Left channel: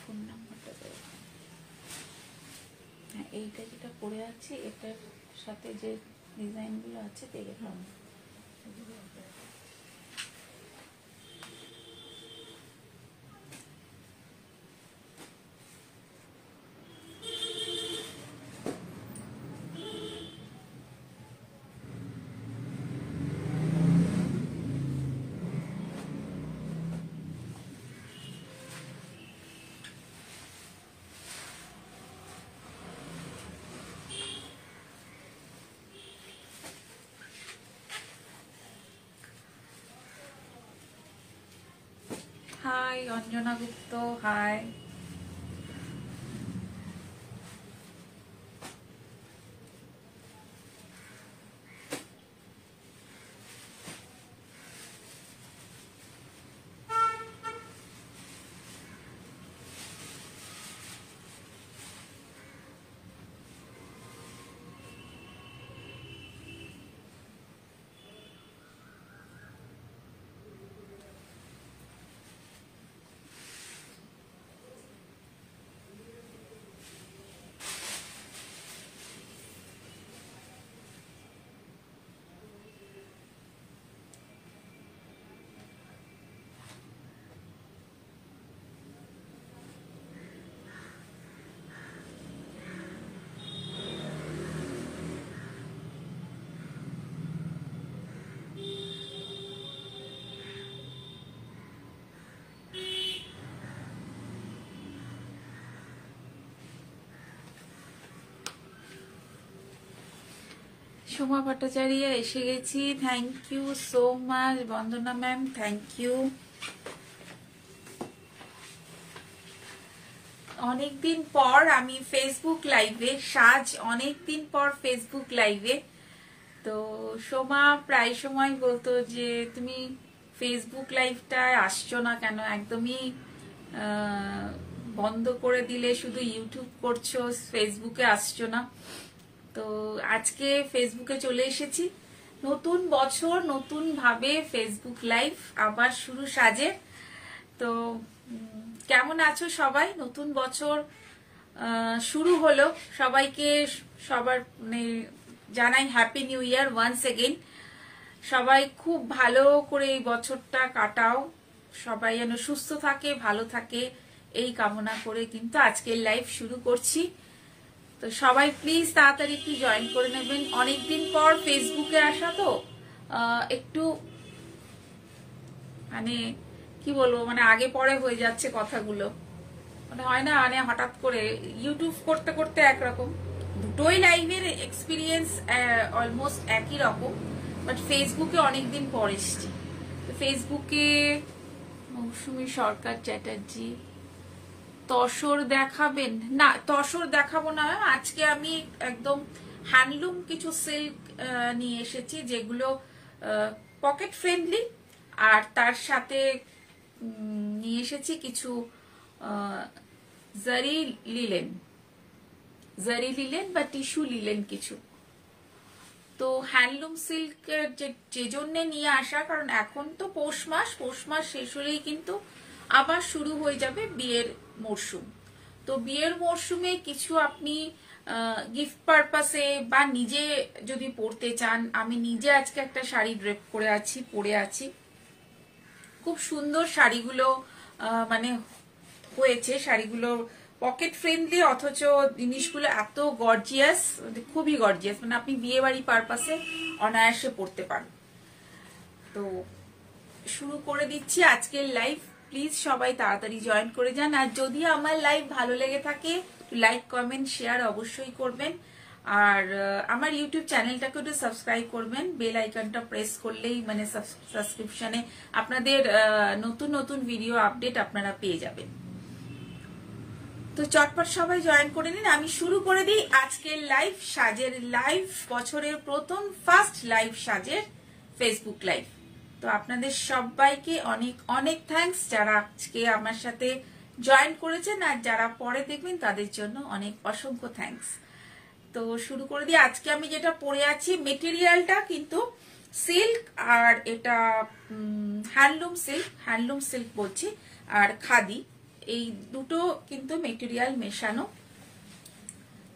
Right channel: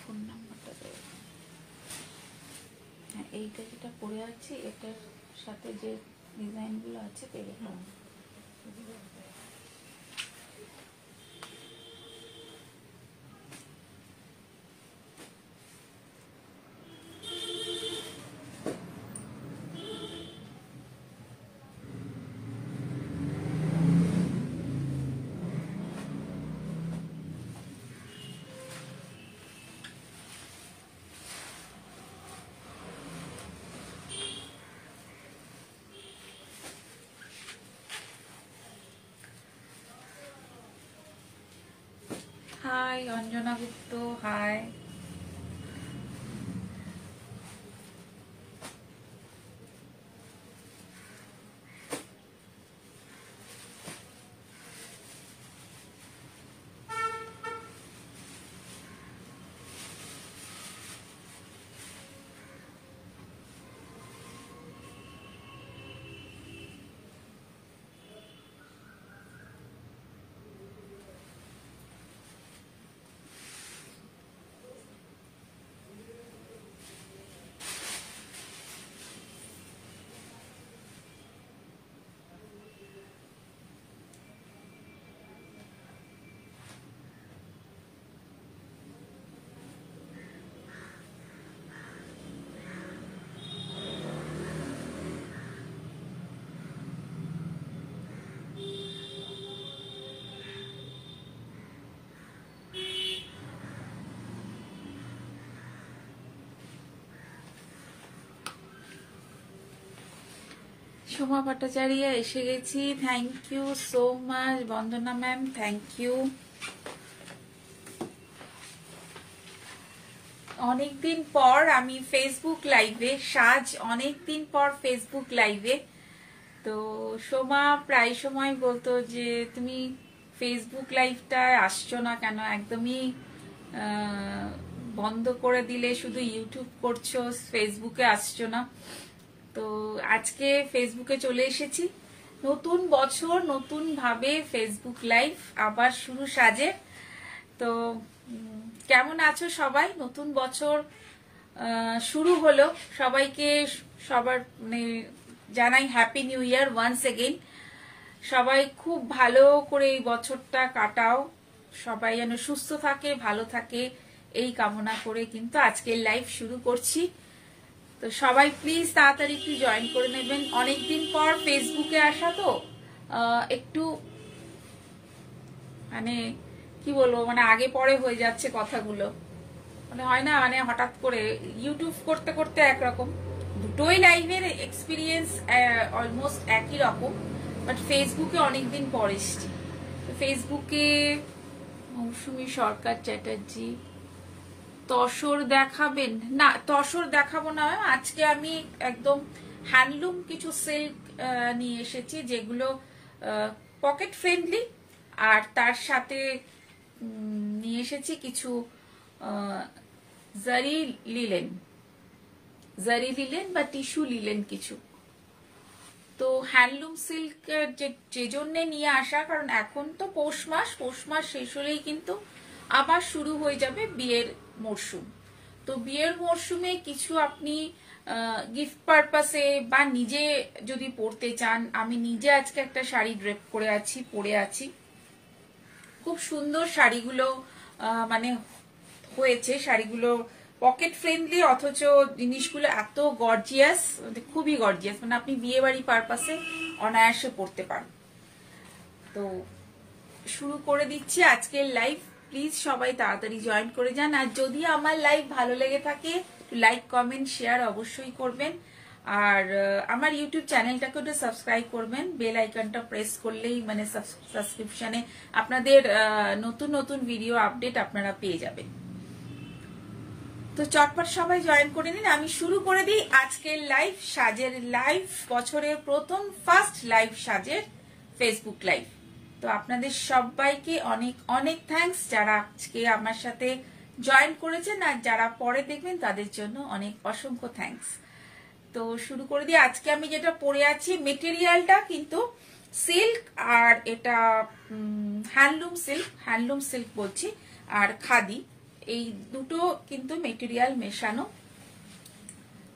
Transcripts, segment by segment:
Phone নাম্বারটা দেবো। হ্যাঁ, এইটা যেটা পরে আছি এটার সাথে যে ডিজাইনগুলো আছে পেয়ে গেলাম। Hi Anjana Gupta, hi. সোমা ভট্টাচার্য এসে গেছি, thank you so much. Bandana ma'am, thank you. অনেকদিন পর আমি ফেসবুক লাইভে, সাজ অনেকদিন পর ফেসবুক লাইভে। তো সোমা প্রায় সময় বলতো যে তুমি ফেসবুক লাইভটায় আসছো না কেন, একদমই বন্ধ করে দিলে, শুধু ইউটিউব করছো, ফেসবুকে আসছো না। তো আজকে ফেসবুকে চলে এসেছি। নতুন বছর, নতুন ভাবে ফেসবুক লাইভ আবার শুরু সাজে। তো কেমন আছো সবাই? নতুন বছর শুরু হলো, সবাইকে সবার মানে জানাই happy new year once again. সবাই খুব ভালো করে এই বছরটা কাটাও, সবাই যেন সুস্থ থাকে, ভালো থাকে, এই কামনা করে কিন্তু আজকের লাইভ শুরু করছি। তো সবাই প্লিজ তাড়াতাড়ি একটু জয়েন করে নেবেন। অনেকদিন পর ফেসবুকে আসা, তো একটু মানে কি বলবো, মানে আগে পরে হয়ে যাচ্ছে কথাগুলো, মানে হয় না, মানে হঠাৎ করে ইউটিউব করতে করতে একরকম, দুটোই লাইভের এক্সপিরিয়েন্স অলমোস্ট একই রকম, বাট ফেসবুকে অনেকদিন পর এসছি। ফেসবুকে মৌসুমী সরকার চ্যাটার্জি, তসর দেখাবেন না? তসর দেখাবো না, আজকে আমি একদম হ্যান্ডলুম কিছু সিল্ক নিয়ে এসেছি, যেগুলো পকেট ফ্রেন্ডলি, আর তার সাথে নিয়ে এসেছি কিছু জারি লিলেন বা টিস্যু লিলেন কিছু। তো হ্যান্ডলুম সিল্ক যে জন্য নিয়ে আসা, কারণ এখন তো পৌষ মাস শেষ হলেই কিন্তু আবার শুরু হয়ে যাবে বিয়ের মরশুম। তো বিয়ের মরশুমে কিছু আপনি গিফট পারপাসে বা নিজে যদি পরতে চান, আমি নিজে আজকে একটা শাড়ি ড্রেপ করে আছি, পরে আছি, খুব সুন্দর শাড়িগুলো মানে হয়েছে। শাড়িগুলো পকেট ফ্রেন্ডলি, অথচ জিনিসগুলো এত গর্জিয়াস, খুবই গর্জিয়াস, মানে আপনি বিয়ে বাড়ি পারপাসে অনায়াসে পরতে পারেন। তো শুরু করে দিচ্ছি আজকের লাইভ। প্লিজ সবাই তাড়াতাড়ি জয়েন করে যান। আর যদি আমার লাইভ ভালো লেগে থাকে, লাইক কমেন্ট শেয়ার অবশ্যই করবেন। আর আমার ইউটিউব চ্যানেলটাকে একটু সাবস্ক্রাইব করবেন, বেল আইকনটা প্রেস করলেই মানে সাবস্ক্রিপশনে আপনাদের নতুন নতুন ভিডিও আপডেট আপনারা পেয়ে যাবেন। তো চটপট সবাই জয়েন করে নিন, আমি শুরু করে দিই আজকের লাইভ, সাজের লাইভ, বছরের প্রথম ফার্স্ট লাইভ সাজের ফেসবুক লাইভ। তো আপনাদের সবাইকে অনেক অনেক থ্যাঙ্কস, যারা আজকে আমার সাথে জয়েন করেছেন, আর যারা পরে দেখবেন তাদের জন্য অনেক অসংখ্য থ্যাঙ্কস। তো শুরু করে দিই। আজকে আমি যেটা পরে আছি, মেটেরিয়ালটা কিন্তু সিল্ক, আর এটা হ্যান্ডলুম সিল্ক বলছি, আর খাদি, এই দুটো কিন্তু মেটেরিয়াল মেশানো,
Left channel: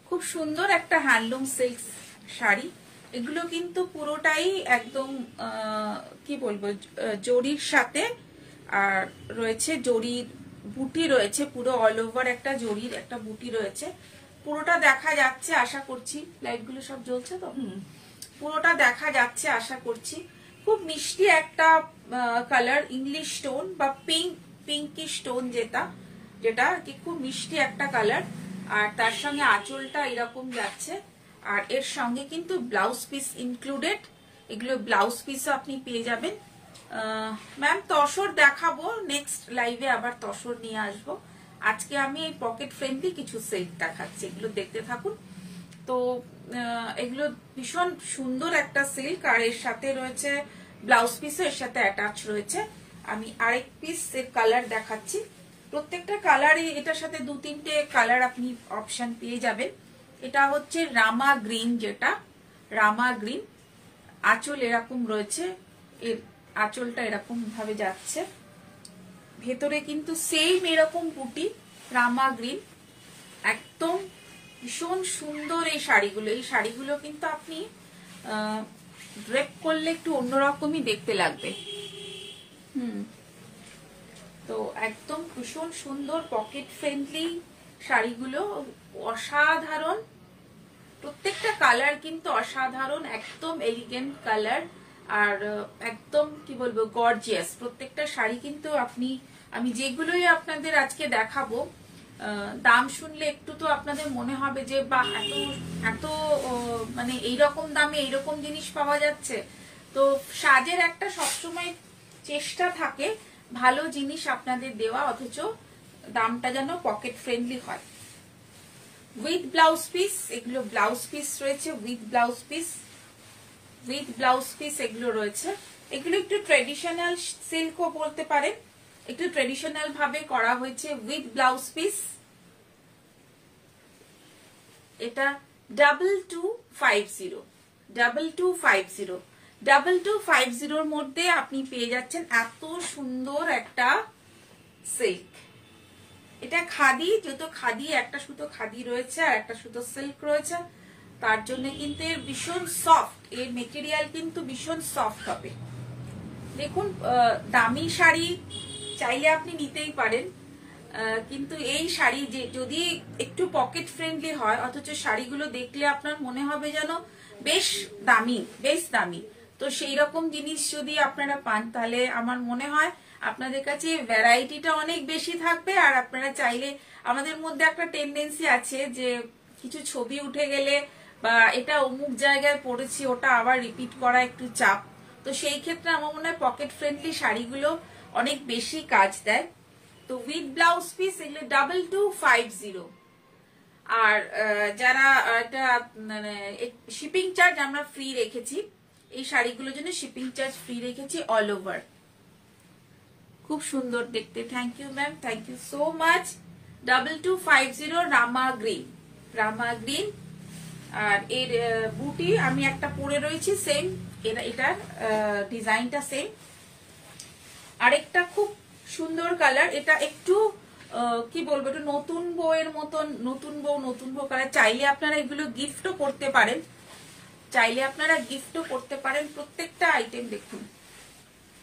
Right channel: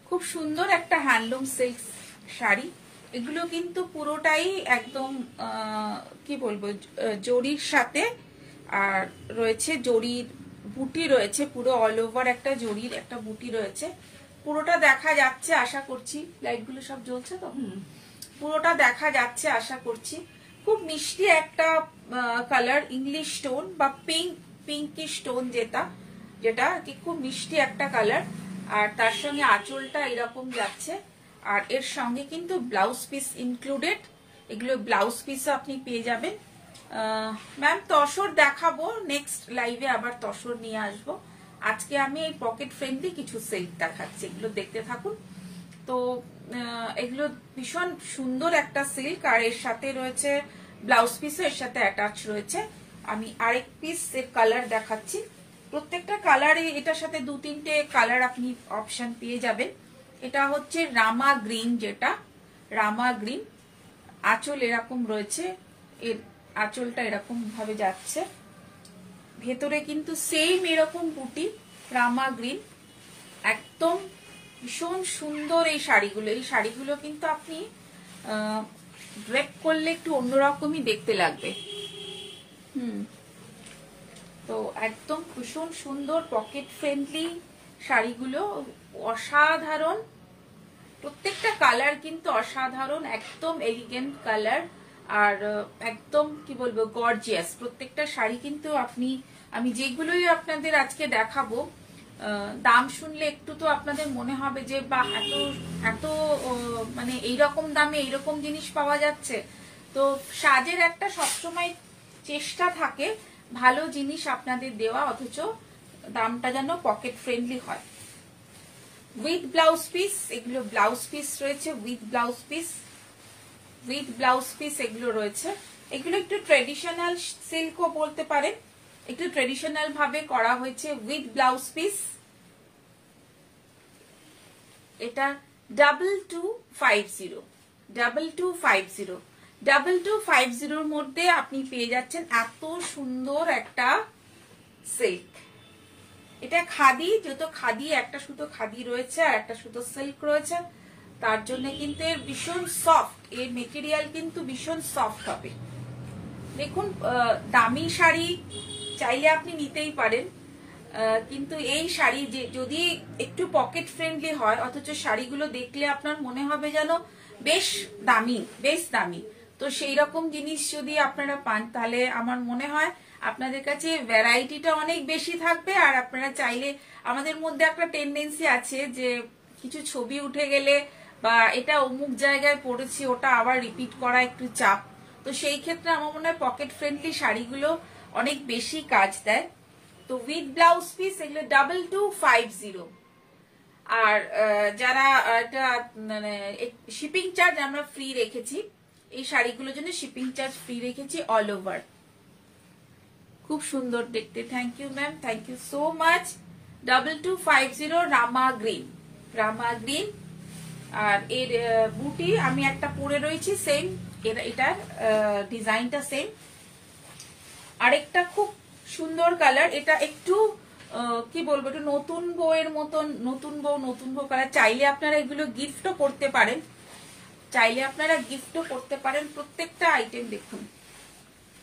খুব সুন্দর একটা হ্যান্ডলুম সিল্ক শাড়ি। এগুলো কিন্তু পুরোটাই একদম কি বলবো জরির সাথে, আর রয়েছে জরির বুটি রয়েছে, পুরো অল ওভার একটা জরির একটা বুটি রয়েছে। পুরোটা দেখা যাচ্ছে আশা করছি, লাইটগুলো সব জ্বলছে তো, পুরোটা দেখা যাচ্ছে আশা করছি। খুব মিষ্টি একটা কালার, ইংলিশ স্টোন বা পিঙ্কিশ স্টোন, যেটা কি খুব মিষ্টি একটা কালার। আর তার সঙ্গে আঁচলটা এরকম যাচ্ছে, আর এর সঙ্গে কিন্তু ব্লাউজ পিস ইনক্লুডেড। এগুলো ব্লাউজ পিসও আপনি পেয়ে যাবেন। ম্যাম তসর দেখাবো, নেক্সট লাইভে আবার তসর নিয়ে আসবো। আজকে আমি এই পকেট ফ্রেন্ডলি কিছু সিল্ক দেখাচ্ছি, এগুলো দেখতে থাকুন। তো এগুলো ভীষণ সুন্দর একটা সিল্ক, আর এর সাথে রয়েছে ব্লাউজ পিসও এর সাথে অ্যাটাচ রয়েছে। আমি আরেক পিস এর কালার দেখাচ্ছি। প্রত্যেকটা কালারে এটার সাথে 2-3টে কালার আপনি অপশন পেয়ে যাবেন। এটা হচ্ছে রামা গ্রিন, যেটা রামা গ্রিন। আঁচল এরকম রয়েছে, এর আঁচলটা এরকম ভাবে যাচ্ছে, ভেতরে কিন্তু সেম এরকম বুটি, রামা গ্রিন। একদম ভীষণ সুন্দর এই শাড়িগুলো কিন্তু আপনি ড্রেপ করলে একটু অন্যরকমই দেখতে লাগবে। তো একদম ভীষণ সুন্দর পকেট ফ্রেন্ডলি শাড়িগুলো, অসাধারণ। প্রত্যেকটা কালার কিন্তু অসাধারণ, একদম এলিগেন্ট কালার, আর একদম কি বলবো গর্জিয়াস। প্রত্যেকটা শাড়ি কিন্তু আমি যেগুলোই আপনাদের আজকে দেখাবো, দাম শুনলে একটু তো আপনাদের মনে হবে যে বা এত মানে এইরকম দামে এইরকম জিনিস পাওয়া যাচ্ছে। তো সাজের একটা সবসময় চেষ্টা থাকে ভালো জিনিস আপনাদের দেওয়া, অথচ দামটা যেন পকেট ফ্রেন্ডলি হয়। উইথ ব্লাউজ পিস, এগুলো ব্লাউজ পিস রয়েছে, উইথ ব্লাউজ পিস এগুলো রয়েছে। এগুলো একটু ট্রেডিশনাল সিল্কও বলতে পারেন, একটু ট্রেডিশনাল ভাবে করা হয়েছে, উইথ ব্লাউজ পিস। এটা 2250 মধ্যে আপনি পেয়ে যাচ্ছেন এত সুন্দর একটা সিল্ক। এটা খাদি, যেহেতু খাদি একটা সুতো খাদি রয়েছে আর একটা সুতো সিল্ক রয়েছে, তার জন্য কিন্তু এর ভীষণ সফট, এর মেটেরিয়াল কিন্তু ভীষণ সফট হবে। দেখুন দামি শাড়ি চাইলে আপনি নিতেই পারেন, কিন্তু এই শাড়ি যদি একটু পকেট ফ্রেন্ডলি হয়, অথচ শাড়িগুলো দেখলে আপনার মনে হবে যেন বেশ দামি। তো সেই রকম জিনিস যদি আপনারা পান, তাহলে আমার মনে হয় আপনাদের কাছে ভ্যারাইটিটা অনেক বেশি থাকবে। আর আপনারা চাইলে, আমাদের মধ্যে একটা টেন্ডেন্সি আছে যে কিছু ছবি উঠে গেলে বা এটা অমুক জায়গায় পড়েছি ওটা আবার রিপিট করা একটু চাপ, তো সেই ক্ষেত্রে আমার মনে হয় পকেট ফ্রেন্ডলি শাড়িগুলো অনেক বেশি কাজ দেয়। তো উইথ ব্লাউজ পিস এগুলো 2250। আর যারা এটা মানে শিপিং চার্জ আমরা ফ্রি রেখেছি, এই শাড়িগুলোর জন্য শিপিং চার্জ ফ্রি রেখেছি অল ওভার। খুব সুন্দর দেখতে, thank you ma'am, thank you so much. 2250 Rama green. আর এর বুটি আমি একটা পরে রয়েছি সেম, এটার ডিজাইনটা সেম। আরেকটা খুব সুন্দর কালার, এটা একটু কি বলবো, একটু নতুন বউয়ের মতন, নতুন বউ কালার। চাইলে আপনারা এগুলো গিফটও করতে পারেন, প্রত্যেকটা আইটেম দেখুন,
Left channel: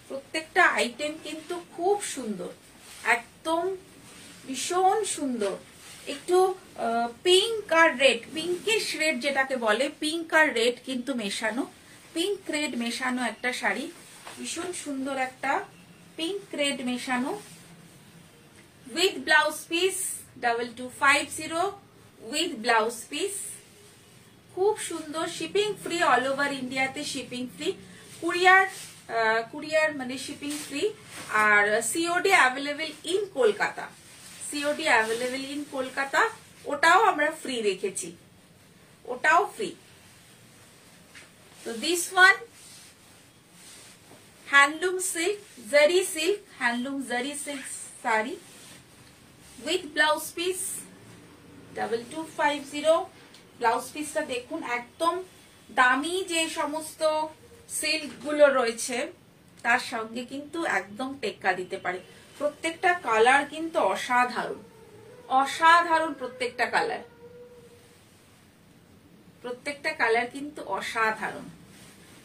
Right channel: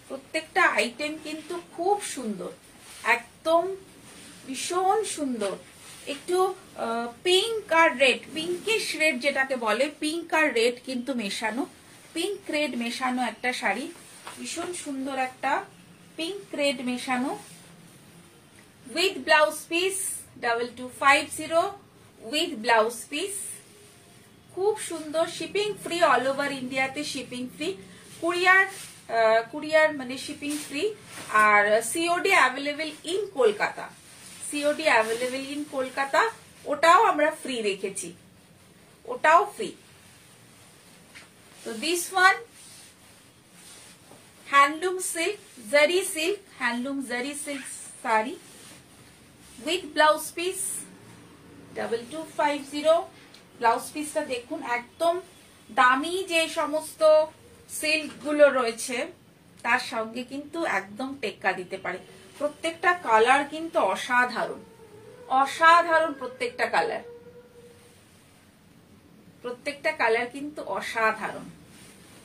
প্রত্যেকটা আইটেম কিন্তু খুব সুন্দর, একদম ভীষণ সুন্দর। একটু পিঙ্ক আর রেড, পিঙ্কিশ রেড যেটাকে বলে, পিঙ্ক আর রেড কিন্তু মেশানো, পিঙ্ক রেড মেশানো একটা শাড়ি, ভীষণ সুন্দর একটা পিঙ্ক রেড মেশানো। With blouse piece 2250 with blouse piece, খুব সুন্দর। শিপিং ফ্রি, অল ওভার ইন্ডিয়াতে শিপিং ফ্রি, কুরিয়ার মানে শিপিং ফ্রি। আর সিওডি অ্যাভেলেবেল ইন কলকাতা, ওটাও আমরা ফ্রি রেখেছি, ওটাও ফ্রি। তো this one handloom silk, handloom zari silk sari with blouse piece 2250। Blouse পিসটা দেখুন, একদম দামি যে সমস্ত সিল্ক গুলো রয়েছে তার সঙ্গে কিন্তু একদম টেক্কা দিতে পারে। প্রত্যেকটা কালার কিন্তু অসাধারণ, অসাধারণ প্রত্যেকটা কালার, প্রত্যেকটা কালার কিন্তু অসাধারণ।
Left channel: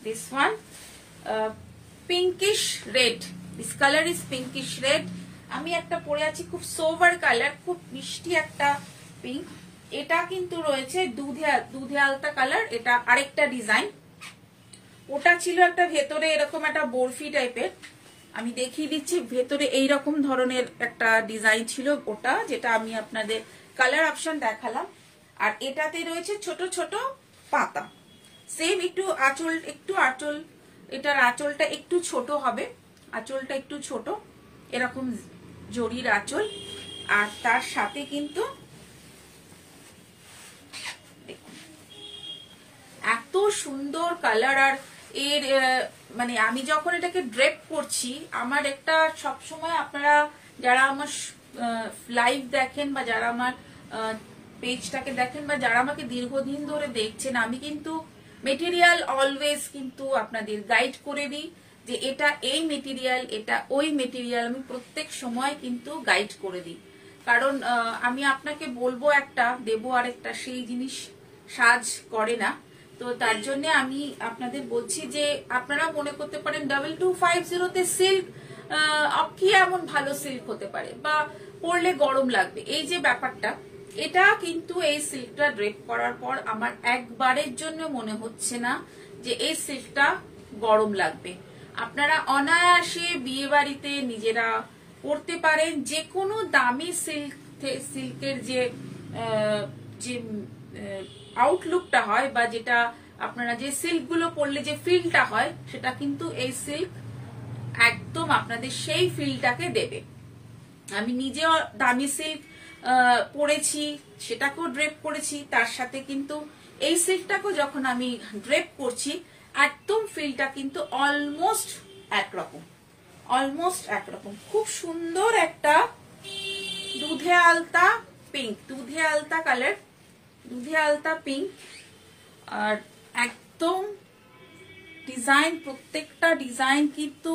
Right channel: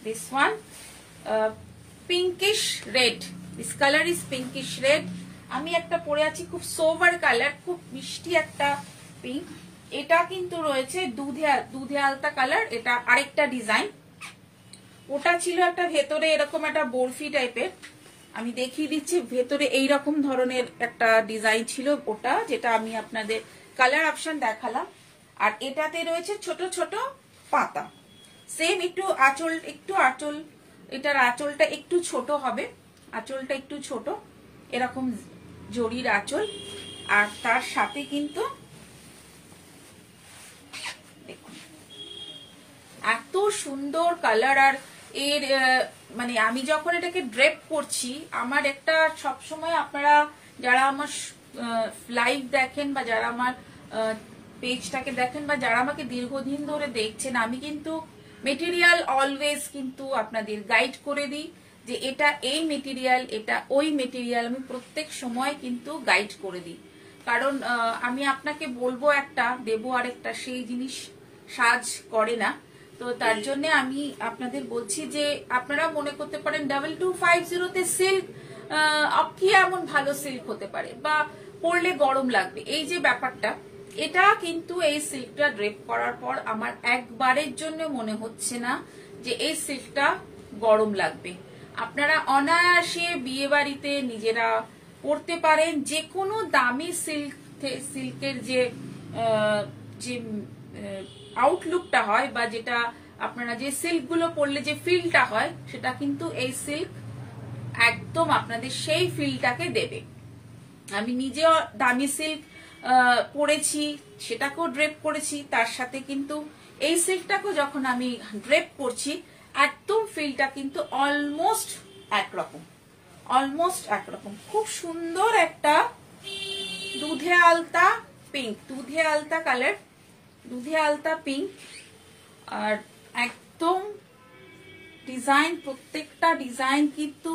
This one pinkish red, this colour is pinkish red. আমি একটা পরে আছি খুব সোভার কালার, খুব মিষ্টি একটা পিঙ্ক। এটা কিন্তু রয়েছে দুধে আলতা কালার, এটা আরেকটা ডিজাইন। ওটা ছিল একটা ভেতরে এরকম একটা বরফি টাইপের, আমি দেখিয়ে দিচ্ছি। ভেতরে এইরকম ধরনের একটা ডিজাইন ছিল ওটা, যেটা আমি আপনাদের কালার অপশন দেখালাম। আর এটাতে রয়েছে ছোট ছোট পাতা, সেম একটু আঁচল, এটার আঁচলটা একটু ছোট হবে, আঁচলটা একটু ছোট, এরকম জরির আঁচল। আর তার সাথে কিন্তু দেখুন এত সুন্দর কালার। আর এর মানে আমি যখন এটাকে ড্রেপ করছি, আমার একটা সবসময় আপনারা যারা আমার লাইভ দেখেন বা যারা আমার পেজটাকে দেখেন বা যারা আমাকে দীর্ঘদিন ধরে দেখছেন, আমি কিন্তু মেটেরিয়াল অলওয়েজ কিন্তু আপনাদের গাইড করে দিই যে এটা এই মেটেরিয়াল, এটা ওই মেটেরিয়াল, আমি প্রত্যেক সময় কিন্তু গাইড করে দিই। কারণ আমি আপনাকে বলবো একটা, দেবো আরেকটা, সেই জিনিস সাজ করে না। তো তার জন্য আমি আপনাদের বলছি যে আপনারা মনে করতে পারেন 2250 সিল্ক কি এমন ভালো সিল্ক হতে পারে বা পরলে গরম লাগবে, এই যে ব্যাপারটা, এটা কিন্তু এই সিল্কটা ড্রেপ করার পর আমার একবারের জন্য মনে হচ্ছে না যে এই সিল্কটা গরম লাগবে। আপনারা অনায়াসে বিয়ে বাড়িতে নিজেরা পরতে পারেন। যে কোনো দামি সিল্কের যে আউটলুকটা হয় বা যেটা আপনারা যে সিল্ক গুলো পরলে যে ফিলটা হয়, সেটা কিন্তু এই সিল্ক একদম আপনাদের সেই ফিলটাকে দেবে। আমি নিজেও দামি সিল্ক পরেছি, সেটাকেও ড্রেপ করেছি, তার সাথে কিন্তু এই সিল্কটাকেও যখন আমি ড্রেপ করছি, একদম ফিলটা কিন্তু অলমোস্ট একরকম, অলমোস্ট একরকম। খুব সুন্দর একটা দুধে আলতা পিঙ্ক, দুধে আলতা কালার, দুধে আলতা পিঙ্ক। আর একদম ডিজাইন, প্রত্যেকটা ডিজাইন কিন্তু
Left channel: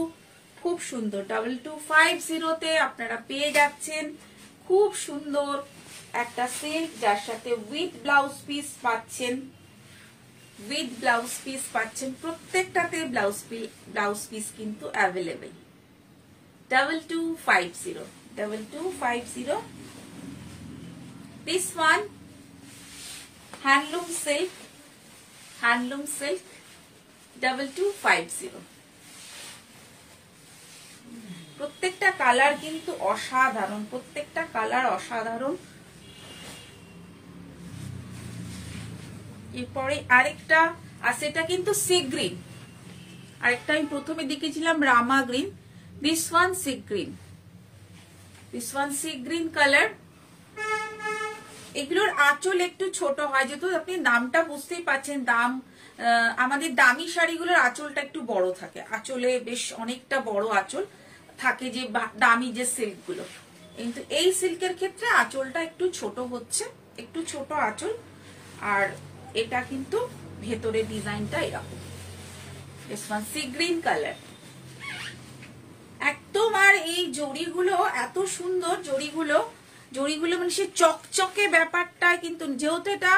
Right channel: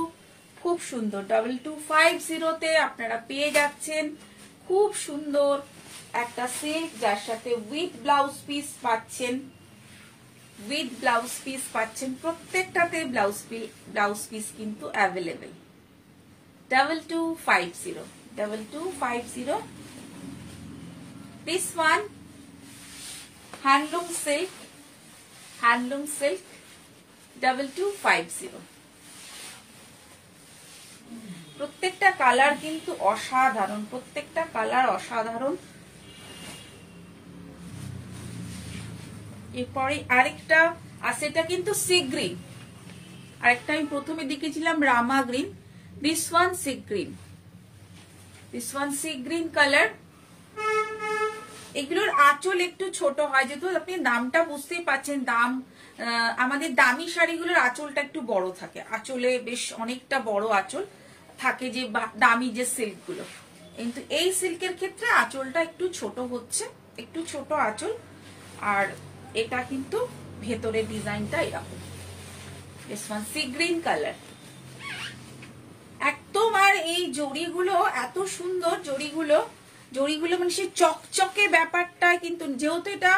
খুব সুন্দর। 2250 আপনারা পেয়ে যাচ্ছেন খুব সুন্দর একটা সিল্ক, যার সাথে উইথ ব্লাউজ পিস পাচ্ছেন, উইথ ব্লাউজ পিস পাচ্ছেন। প্রত্যেকটাতে ব্লাউজ পিস কিন্তু available. 2250 this one handloom silk, handloom silk 2250। প্রত্যেকটা কালার কিন্তু অসাধারণ, প্রত্যেকটা কালার অসাধারণ। এরপরে আরেকটা আছে, এটা কিন্তু সি গ্রিন, আরেকটা আমি প্রথমে দেখেছিলাম Rama green, this one sea green, this one sea green colour. এগুলোর আঁচল একটু ছোট হয়, যেহেতু আপনি দামটা বুঝতেই পাচ্ছেন, দাম আমাদের দামি শাড়িগুলোর আঁচলটা একটু বড় থাকে, আঁচলে বেশ অনেকটা বড় আঁচল থাকে যে দামি যে সিল্ক গুলো, কিন্তু এই সিল্কের ক্ষেত্রে আঁচলটা একটু ছোট হচ্ছে, একটু ছোট আঁচল। আর এটা কিন্তু ভেতরে ডিজাইনটা এরকম, this one sea green colour একদম। আর এই জড়িগুলো এত সুন্দর, জড়িগুলো মানে সেই চকচকে ব্যাপারটা কিন্তু, যেহেতু এটা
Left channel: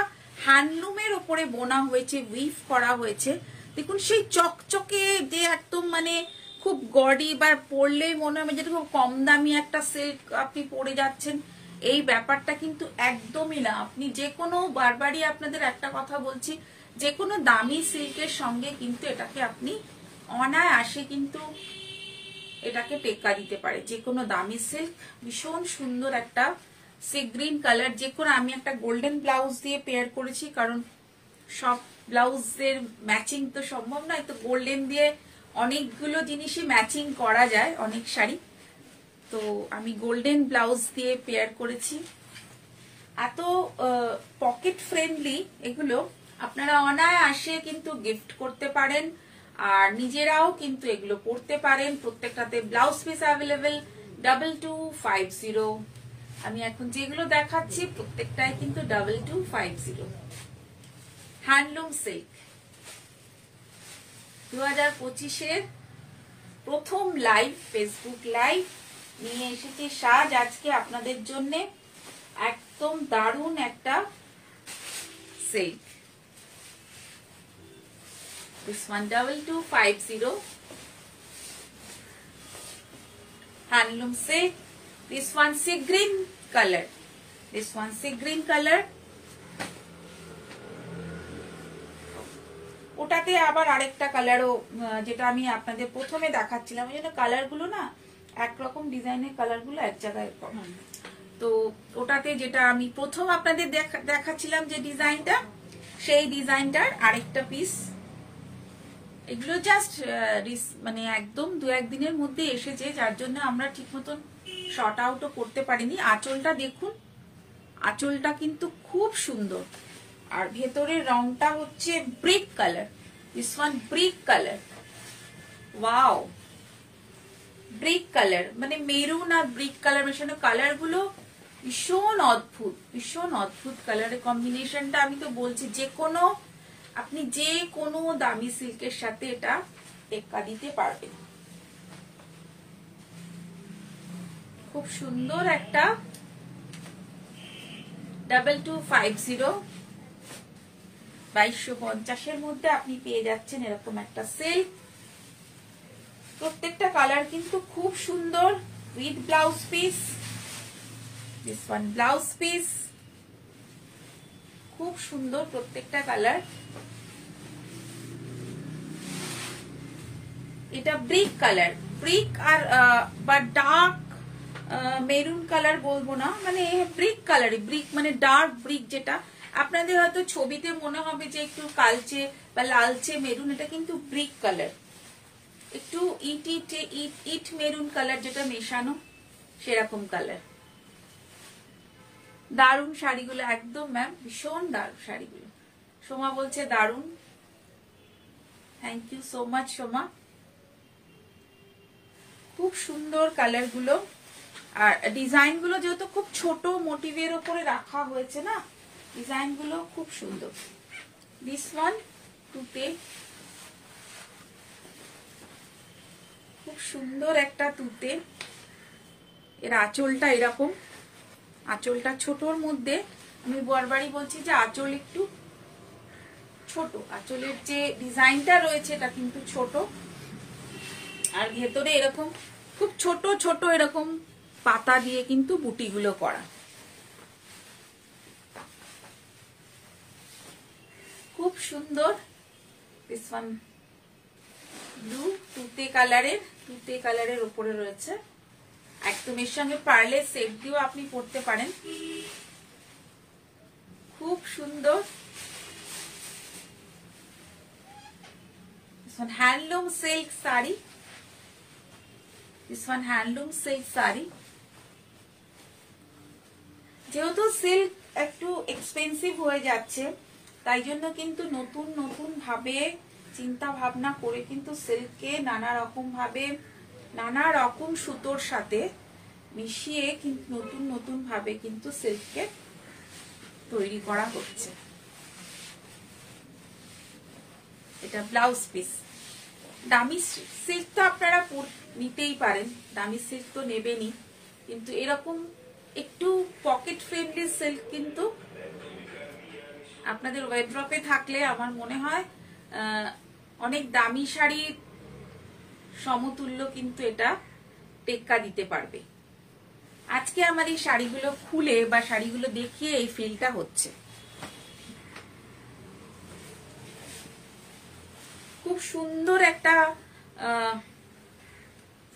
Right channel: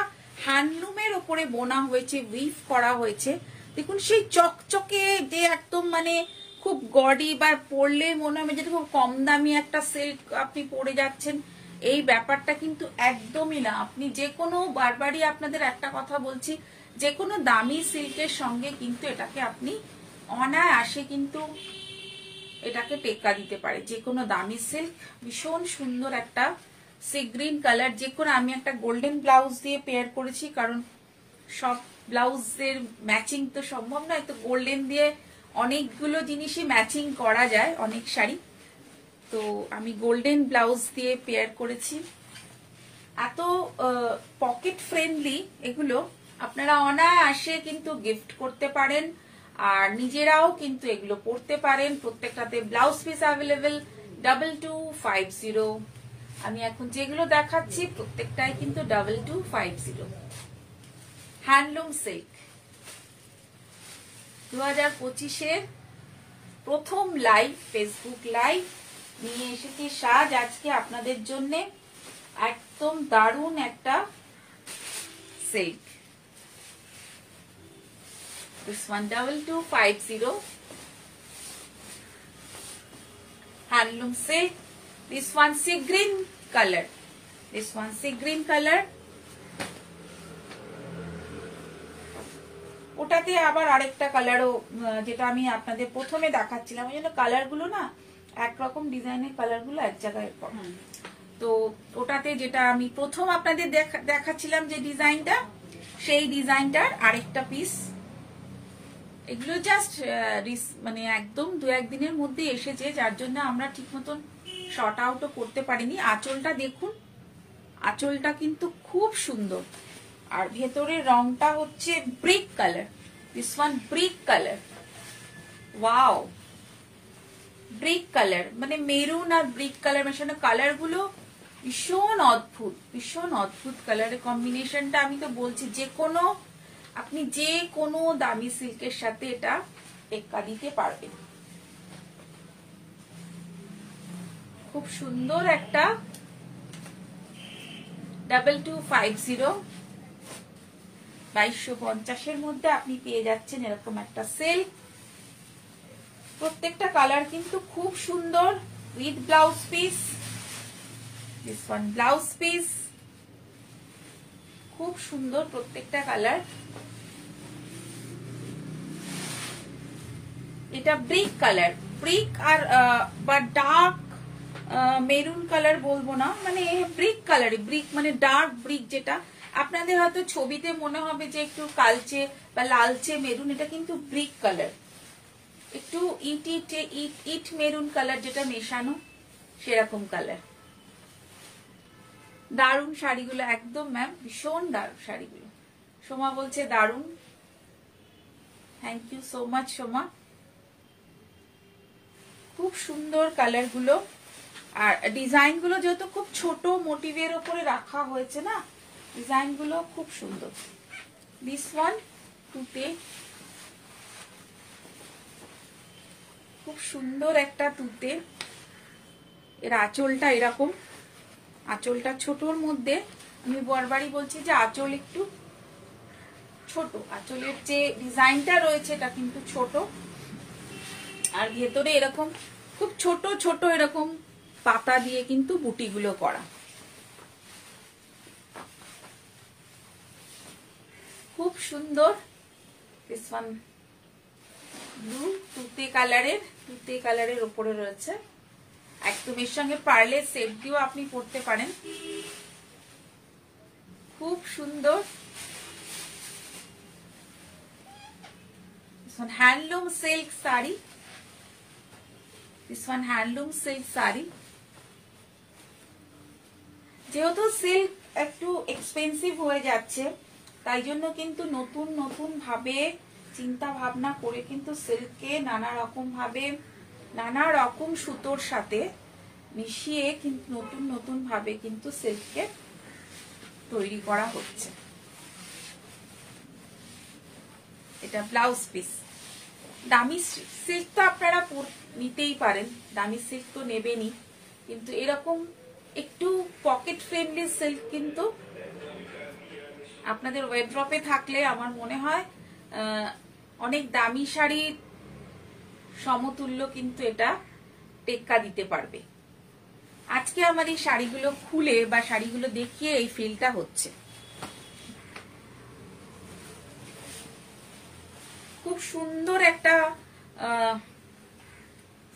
হ্যান্ডলুমের ওপরে বোনা হয়েছে, উইভ করা হয়েছে, দেখুন সেই চকচকে যে একদম মানে খুব গডি বা পরলে মনে হয় যেটা খুব কম দামি একটা সিল্ক আপনি পরে যাচ্ছেন, এই ব্যাপারটা কিন্তু একদমই না। আপনি যে কোনো, বারবারই আপনাদের একটা কথা বলছি, যে কোনো দামি সিল্কের সঙ্গে কিন্তু এটাকে আপনি অনায়াসে কিন্তু এটাকে টেক্কা দিতে পারে। যে কোনো দামি সিল্ক, ভীষণ সুন্দর একটা সি গ্রিন কালার। যে কোনো, আমি একটা গোল্ডেন ব্লাউজ দিয়ে পেয়ার করেছি, কারণ সব ব্লাউজের ম্যাচিং তো সম্ভব নয়, তো গোল্ডেন দিয়ে অনেকগুলো জিনিসই ম্যাচিং করা যায়, অনেক শাড়ি, তো আমি গোল্ডেন ব্লাউজ দিয়ে পেয়ার করেছি। এত পকেট ফ্রেন্ডলি এগুলো, আপনারা অনায়াসে কিন্তু গিফট করতে পারেন আর নিজেরাও কিন্তু এগুলো পরতে পারেন। প্রত্যেকটাতে ব্লাউজ পিস অ্যাভেলেবেল। 2250। আমি এখন যেগুলো দেখাচ্ছি প্রত্যেকটাই কিন্তু 2250। হ্যান্ডলুম সিল্ক 2025-এর প্রথম লাইভ, ফেসবুক লাইভ, নিয়ে এসেছি সাজ আজকে আপনাদের জন্য একদম দারুণ একটা silk. This one 2250 handloom silk. This one sea green color. This one sea green color. ওটাতে আবার আরেকটা কালারও, যেটা আমি আপনাদের প্রথমে দেখাচ্ছিলাম, এই জন্য কালার গুলো না একরকম ডিজাইনের কালার গুলো এক জায়গায় কম। তো ওটাতে যেটা আমি প্রথম আপনাদের দেখাচ্ছিলাম যে ডিজাইনটা, সেই ডিজাইনটার আরেকটা পিস। এগুলো জাস্ট মানে একদম দু একদিনের মধ্যে এসেছে, যার জন্য আমরা ঠিক মতন শর্ট আউটও করতে পারিনি। আঁচলটা দেখুন, আঁচলটা কিন্তু খুব সুন্দর, আর ভেতরের রংটা হচ্ছে brick colour. This one brick colour, wow, brick colour মানে মেরুন আর ব্রিক কালার মেশানো। কালার গুলো ভীষণ অদ্ভুত, ভীষণ অদ্ভুত কালারের কম্বিনেশনটা। আমি তো বলছি আপনি যে কোনো দামি সিল্কের সাথে এটা টেক্কা দিতে পারবেন। খুব সুন্দর একটা 2250 2250 মধ্যে আপনি পেয়ে যাচ্ছেন এরকম একটা সিল্ক। প্রত্যেকটা কালার কিন্তু খুব সুন্দর, with blouse piece. This one blouse piece, খুব সুন্দর প্রত্যেকটা কালার। এটা ব্রিক কালার, ব্রিক আর বা ডার্ক মেরুন কালার বলবো না, মানে ব্রিক কালার। ব্রিক মানে ডার্ক ব্রিক, যেটা আপনাদের হয়তো ছবিতে মনে হবে যে একটু কালচে বা লালচে মেরুন, এটা কিন্তু ব্রিক কালার, একটু ইট মেরুন কালার যেটা মেশানো, সেরকম কালার। দারুণ শাড়িগুলো একদম ম্যাম, ভীষণ দারুণ শাড়িগুলো। সোমা বলছে দারুণ, thank you so much Soma. খুব সুন্দর কালার গুলো, আর ডিজাইন গুলো যেহেতু খুব ছোট মোটিভের উপরে রাখা হয়েছে না, ডিজাইন গুলো খুব সুন্দর। দিস ওয়ান তুতে, খুব সুন্দর একটা তুতে। এর আঁচলটা এরকম, আঁচলটা ছোটর মধ্যে, আমি বারবারই বলছি যে আঁচল একটু ছোট, আঁচলের যে ডিজাইনটা রয়েছে এটা কিন্তু ছোট, আর ভেতরে এরকম খুব ছোট ছোট এরকম পাতা দিয়ে কিন্তু বুটিগুলো করা। খুব সুন্দর। দিস ওয়ান ব্লু তুতে কালারের উপরে রয়েছে, একদম এর সঙ্গে পার্লের সেট দিয়েও আপনি পরতে পারেন। খুব সুন্দর। Handloom silk sari, this one handloom silk sari. যেহেতু সিল্ক একটু এক্সপেন্সিভ হয়ে যাচ্ছে, তাই জন্য কিন্তু নতুন নতুন ভাবে চিন্তা ভাবনা করে কিন্তু সিল্ককে নানা রকম ভাবে নানা রকম সুতোর সাথে মিশিয়ে কিন্তু নতুন নতুন ভাবে কিন্তু সিল্ককে তৈরি করা হচ্ছে। এটা ব্লাউজ পিস। দামি সিল্ক তো আপনারা নিতেই পারেন, দামি সিল্ক তো নেবেনই, কিন্তু এরকম একটু পকেট ফ্রেন্ডলি সিল্ক কিন্তু আপনাদের ওয়ারড্রপে থাকলে আমার মনে হয় অনেক দামি শাড়ির সমতুল্য কিন্তু এটা টেক্কা দিতে পারবে। আজকে আমার এই শাড়িগুলো খুলে বা শাড়িগুলো দেখিয়ে এই ফিলটা হচ্ছে। খুব সুন্দর একটা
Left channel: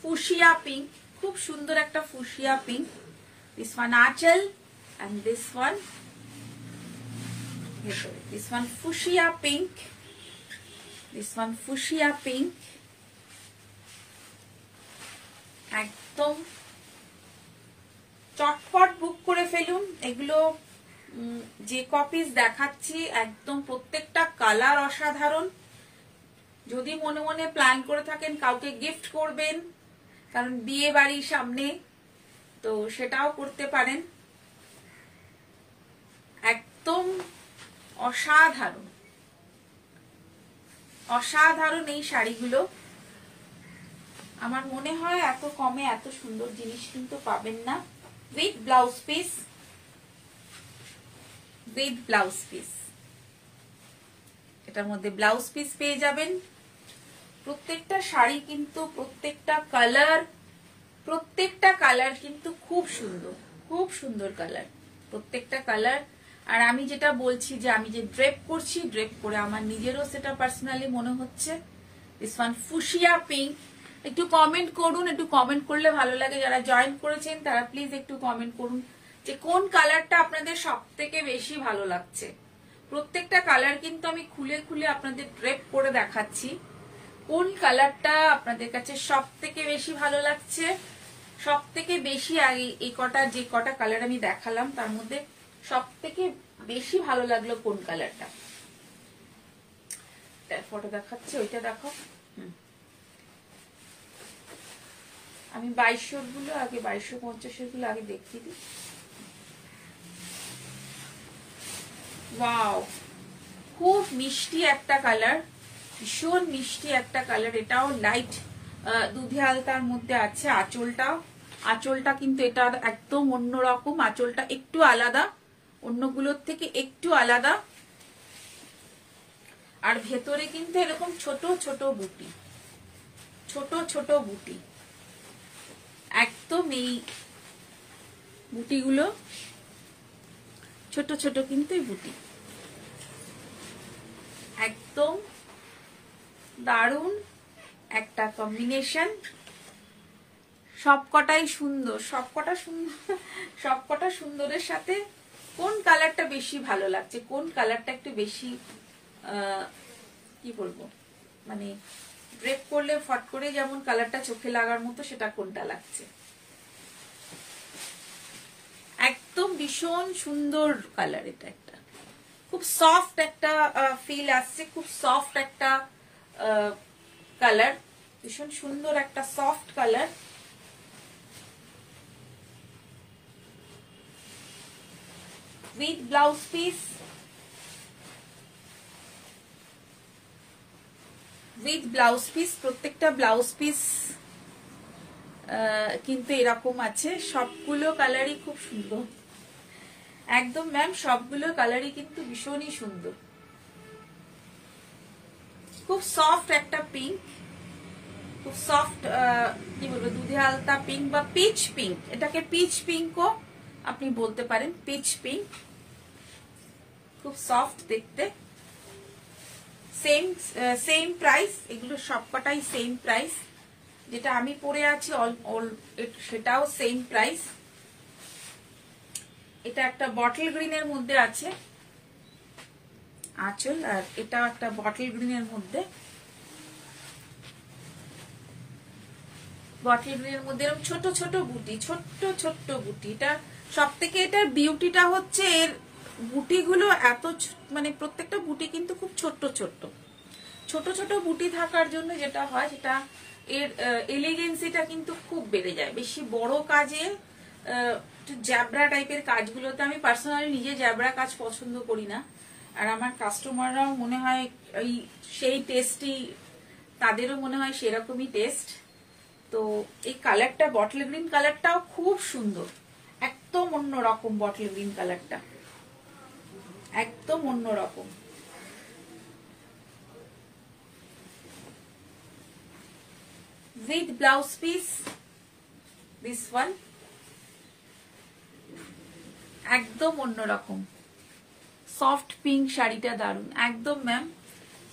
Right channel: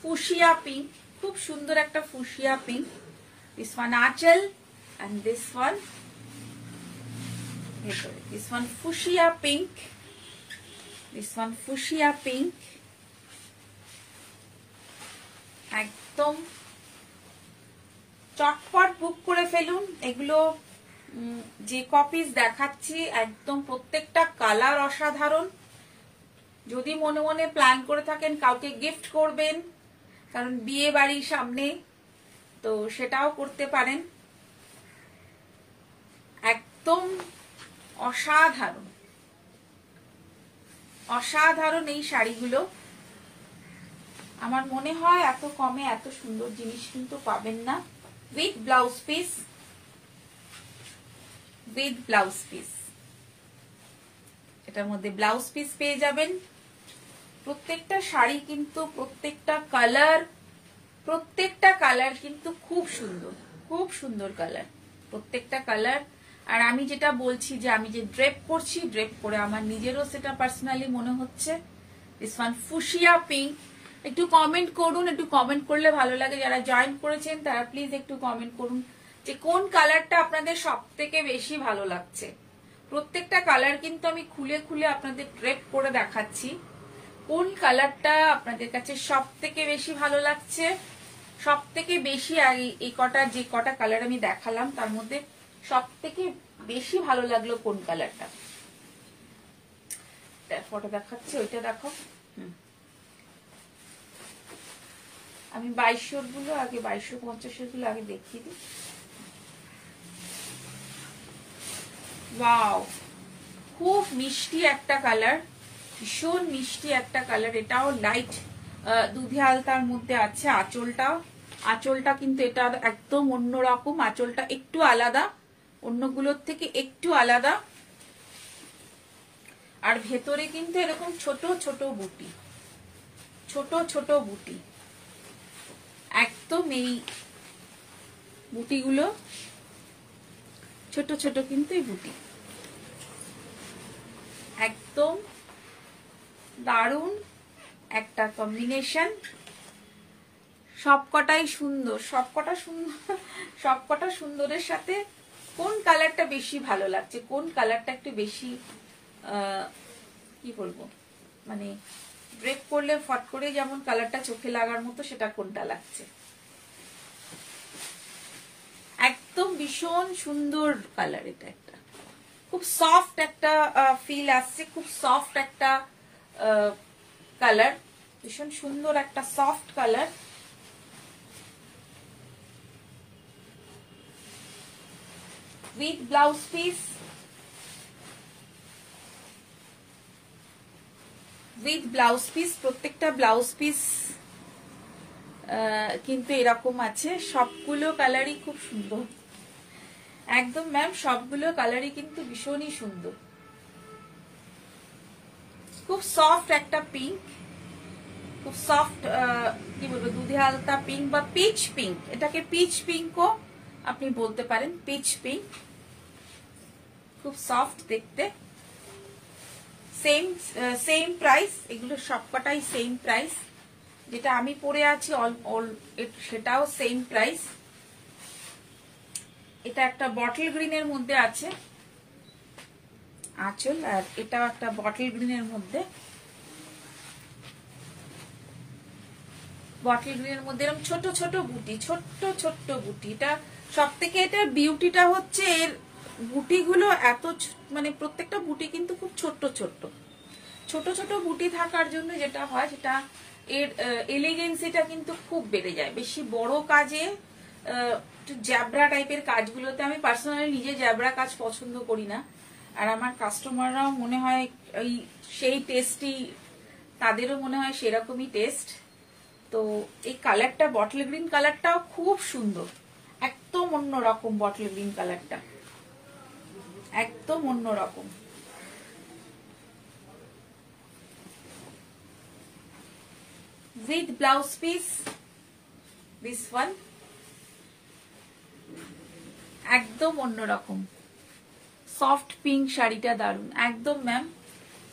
ফুশিয়া পিঙ্ক, খুব সুন্দর একটা ফুশিয়া পিঙ্ক। দিস ওয়ান আঁচল and this one fuchsia pink, this one fuchsia pink। একদম চটপট বুক করে ফেলুন। এগুলো যে কপিস দেখাচ্ছি একদম প্রত্যেকটা কালার অসাধারণ। যদি মনে মনে প্ল্যান করে থাকেন কাউকে গিফট করবেন, কারণ বিয়ে বাড়ির সামনে, তো সেটাও করতে পারেন। একদম অসাধারণ অসাধারণ এই শাড়িগুলো। আমার মনে হয় এত কমে এত সুন্দর জিনিস কিন্তু পাবেন না। With blouse piece, with blouse piece, এটার মধ্যে ব্লাউজ পিস পেয়ে যাবেন। প্রত্যেকটা শাড়ি কিন্তু প্রত্যেকটা কালার কিন্তু খুব সুন্দর, খুব সুন্দর কালার, প্রত্যেকটা কালার। আর আমি যেটা বলছি যে আমি যে ড্রেপ করছি, ড্রেপ করে আমার নিজেরও সেটা পার্সোনালি মনে হচ্ছে। This one fuchsia pink. একটু কমেন্ট করুন, একটু কমেন্ট করলে ভালো লাগে। যারা জয়েন করেছেন তারা প্লিজ একটু কমেন্ট করুন যে কোন কালারটা আপনাদের সব থেকে বেশি ভালো লাগছে। প্রত্যেকটা কালার কিন্তু আমি খুলে খুলে আপনাদের ড্রেপ করে দেখাচ্ছি। কোন কালারটা আপনাদের কাছে সব থেকে বেশি ভালো লাগছে, সব থেকে বেশি এই কটা যে কটা কালার আমি দেখালাম তার মধ্যে সব থেকে বেশি ভালো লাগলো কোন কালারটা। ফটো দেখাচ্ছে, ওইটা দেখো। আমি 2200 গুলো আগে, 2250 গুলো আগে দেখিয়ে দিই। ওয়াও, খুব মিষ্টি একটা কালার, ভীষণ মিষ্টি একটা কালার। এটাও লাইট দুধে আলতার মধ্যে আছে। আঁচলটা কিন্তু এটা একদম অন্যরকম। আঁচলটা একটু আলাদা, অন্যগুলোর থেকে একটু আলাদা। আর ভেতরে কিন্তু এরকম ছোট ছোট বুটি, ছোট ছোট বুটি, একদম এই বুটিগুলো ছোট ছোট কিন্তু এই বুটি, একদম দারুণ একটা কম্বিনেশন। সবকটাই সুন্দর, সবকটা সুন্দরের সাথে কোন কালারটা বেশি ভালো লাগছে, কোন কালারটা একটু বেশি কি বলবো, মানে ড্রেপ করলে ফট করে যেমন কালারটা চোখে লাগার মতো, সেটা কোনটা লাগছে। একদম ভীষণ সুন্দর কালার। এটা একটা খুব সফট একটা ফিল আসছে, খুব সফট একটা কালার, ভীষণ সুন্দর একটা soft colour. With blouse piece, with blouse piece, প্রত্যেকটা ব্লাউজ পিস কিন্তু এরকম আছে। সবগুলো কালারই খুব সুন্দর, একদম ম্যাম সবগুলো কালারই কিন্তু ভীষণই সুন্দর। খুব সফট একটা পিঙ্ক, খুব সফট কি বলবো, দুধে আলতা পিঙ্ক বা পিচ পিঙ্ক। এটাকে পিচ পিঙ্কও আপনি বলতে পারেন, পিচ পিঙ্ক। খুব সফট দেখতে। সেম প্রাইস, এগুলো সবকটাই সেম প্রাইস। যেটা আমি পরে আছি সেটাও সেম প্রাইস। এটা একটা বটল গ্রিনের মধ্যে আছে আঁচল, আর এটাও একটা বটল গ্রিনের মধ্যে, বটল গ্রিনের মধ্যে এরকম ছোট ছোট বুটি, ছোট্ট ছোট্ট বুটি। এটা সব থেকে, এটা বিউটিটা হচ্ছে এর বুটিগুলো এত, মানে প্রত্যেকটা বুটি কিন্তু খুব ছোট্ট ছোট্ট ছোট ছোট বুটি থাকার জন্য যেটা হয়, সেটা এর এলিগেন্সিটা কিন্তু খুব বেড়ে যায়। বেশি বড় কাজে, জ্যাবরা টাইপের কাজগুলোতে আমি পার্সোনালি নিজে জ্যাবরা কাজ পছন্দ করি না। আর আমার কাস্টমাররাও মনে হয় সেই টেস্টই, তাদেরও মনে হয় সেরকমই টেস্ট। তো এই কালারটা, বটল গ্রিন কালারটাও খুব সুন্দর, একদম অন্যরকম। বটল গ্রিন কালারটা একদম অন্যরকম। With blouse piece, this one একদম অন্যরকম। সফট পিঙ্ক শাড়িটা দারুন, একদম ম্যাম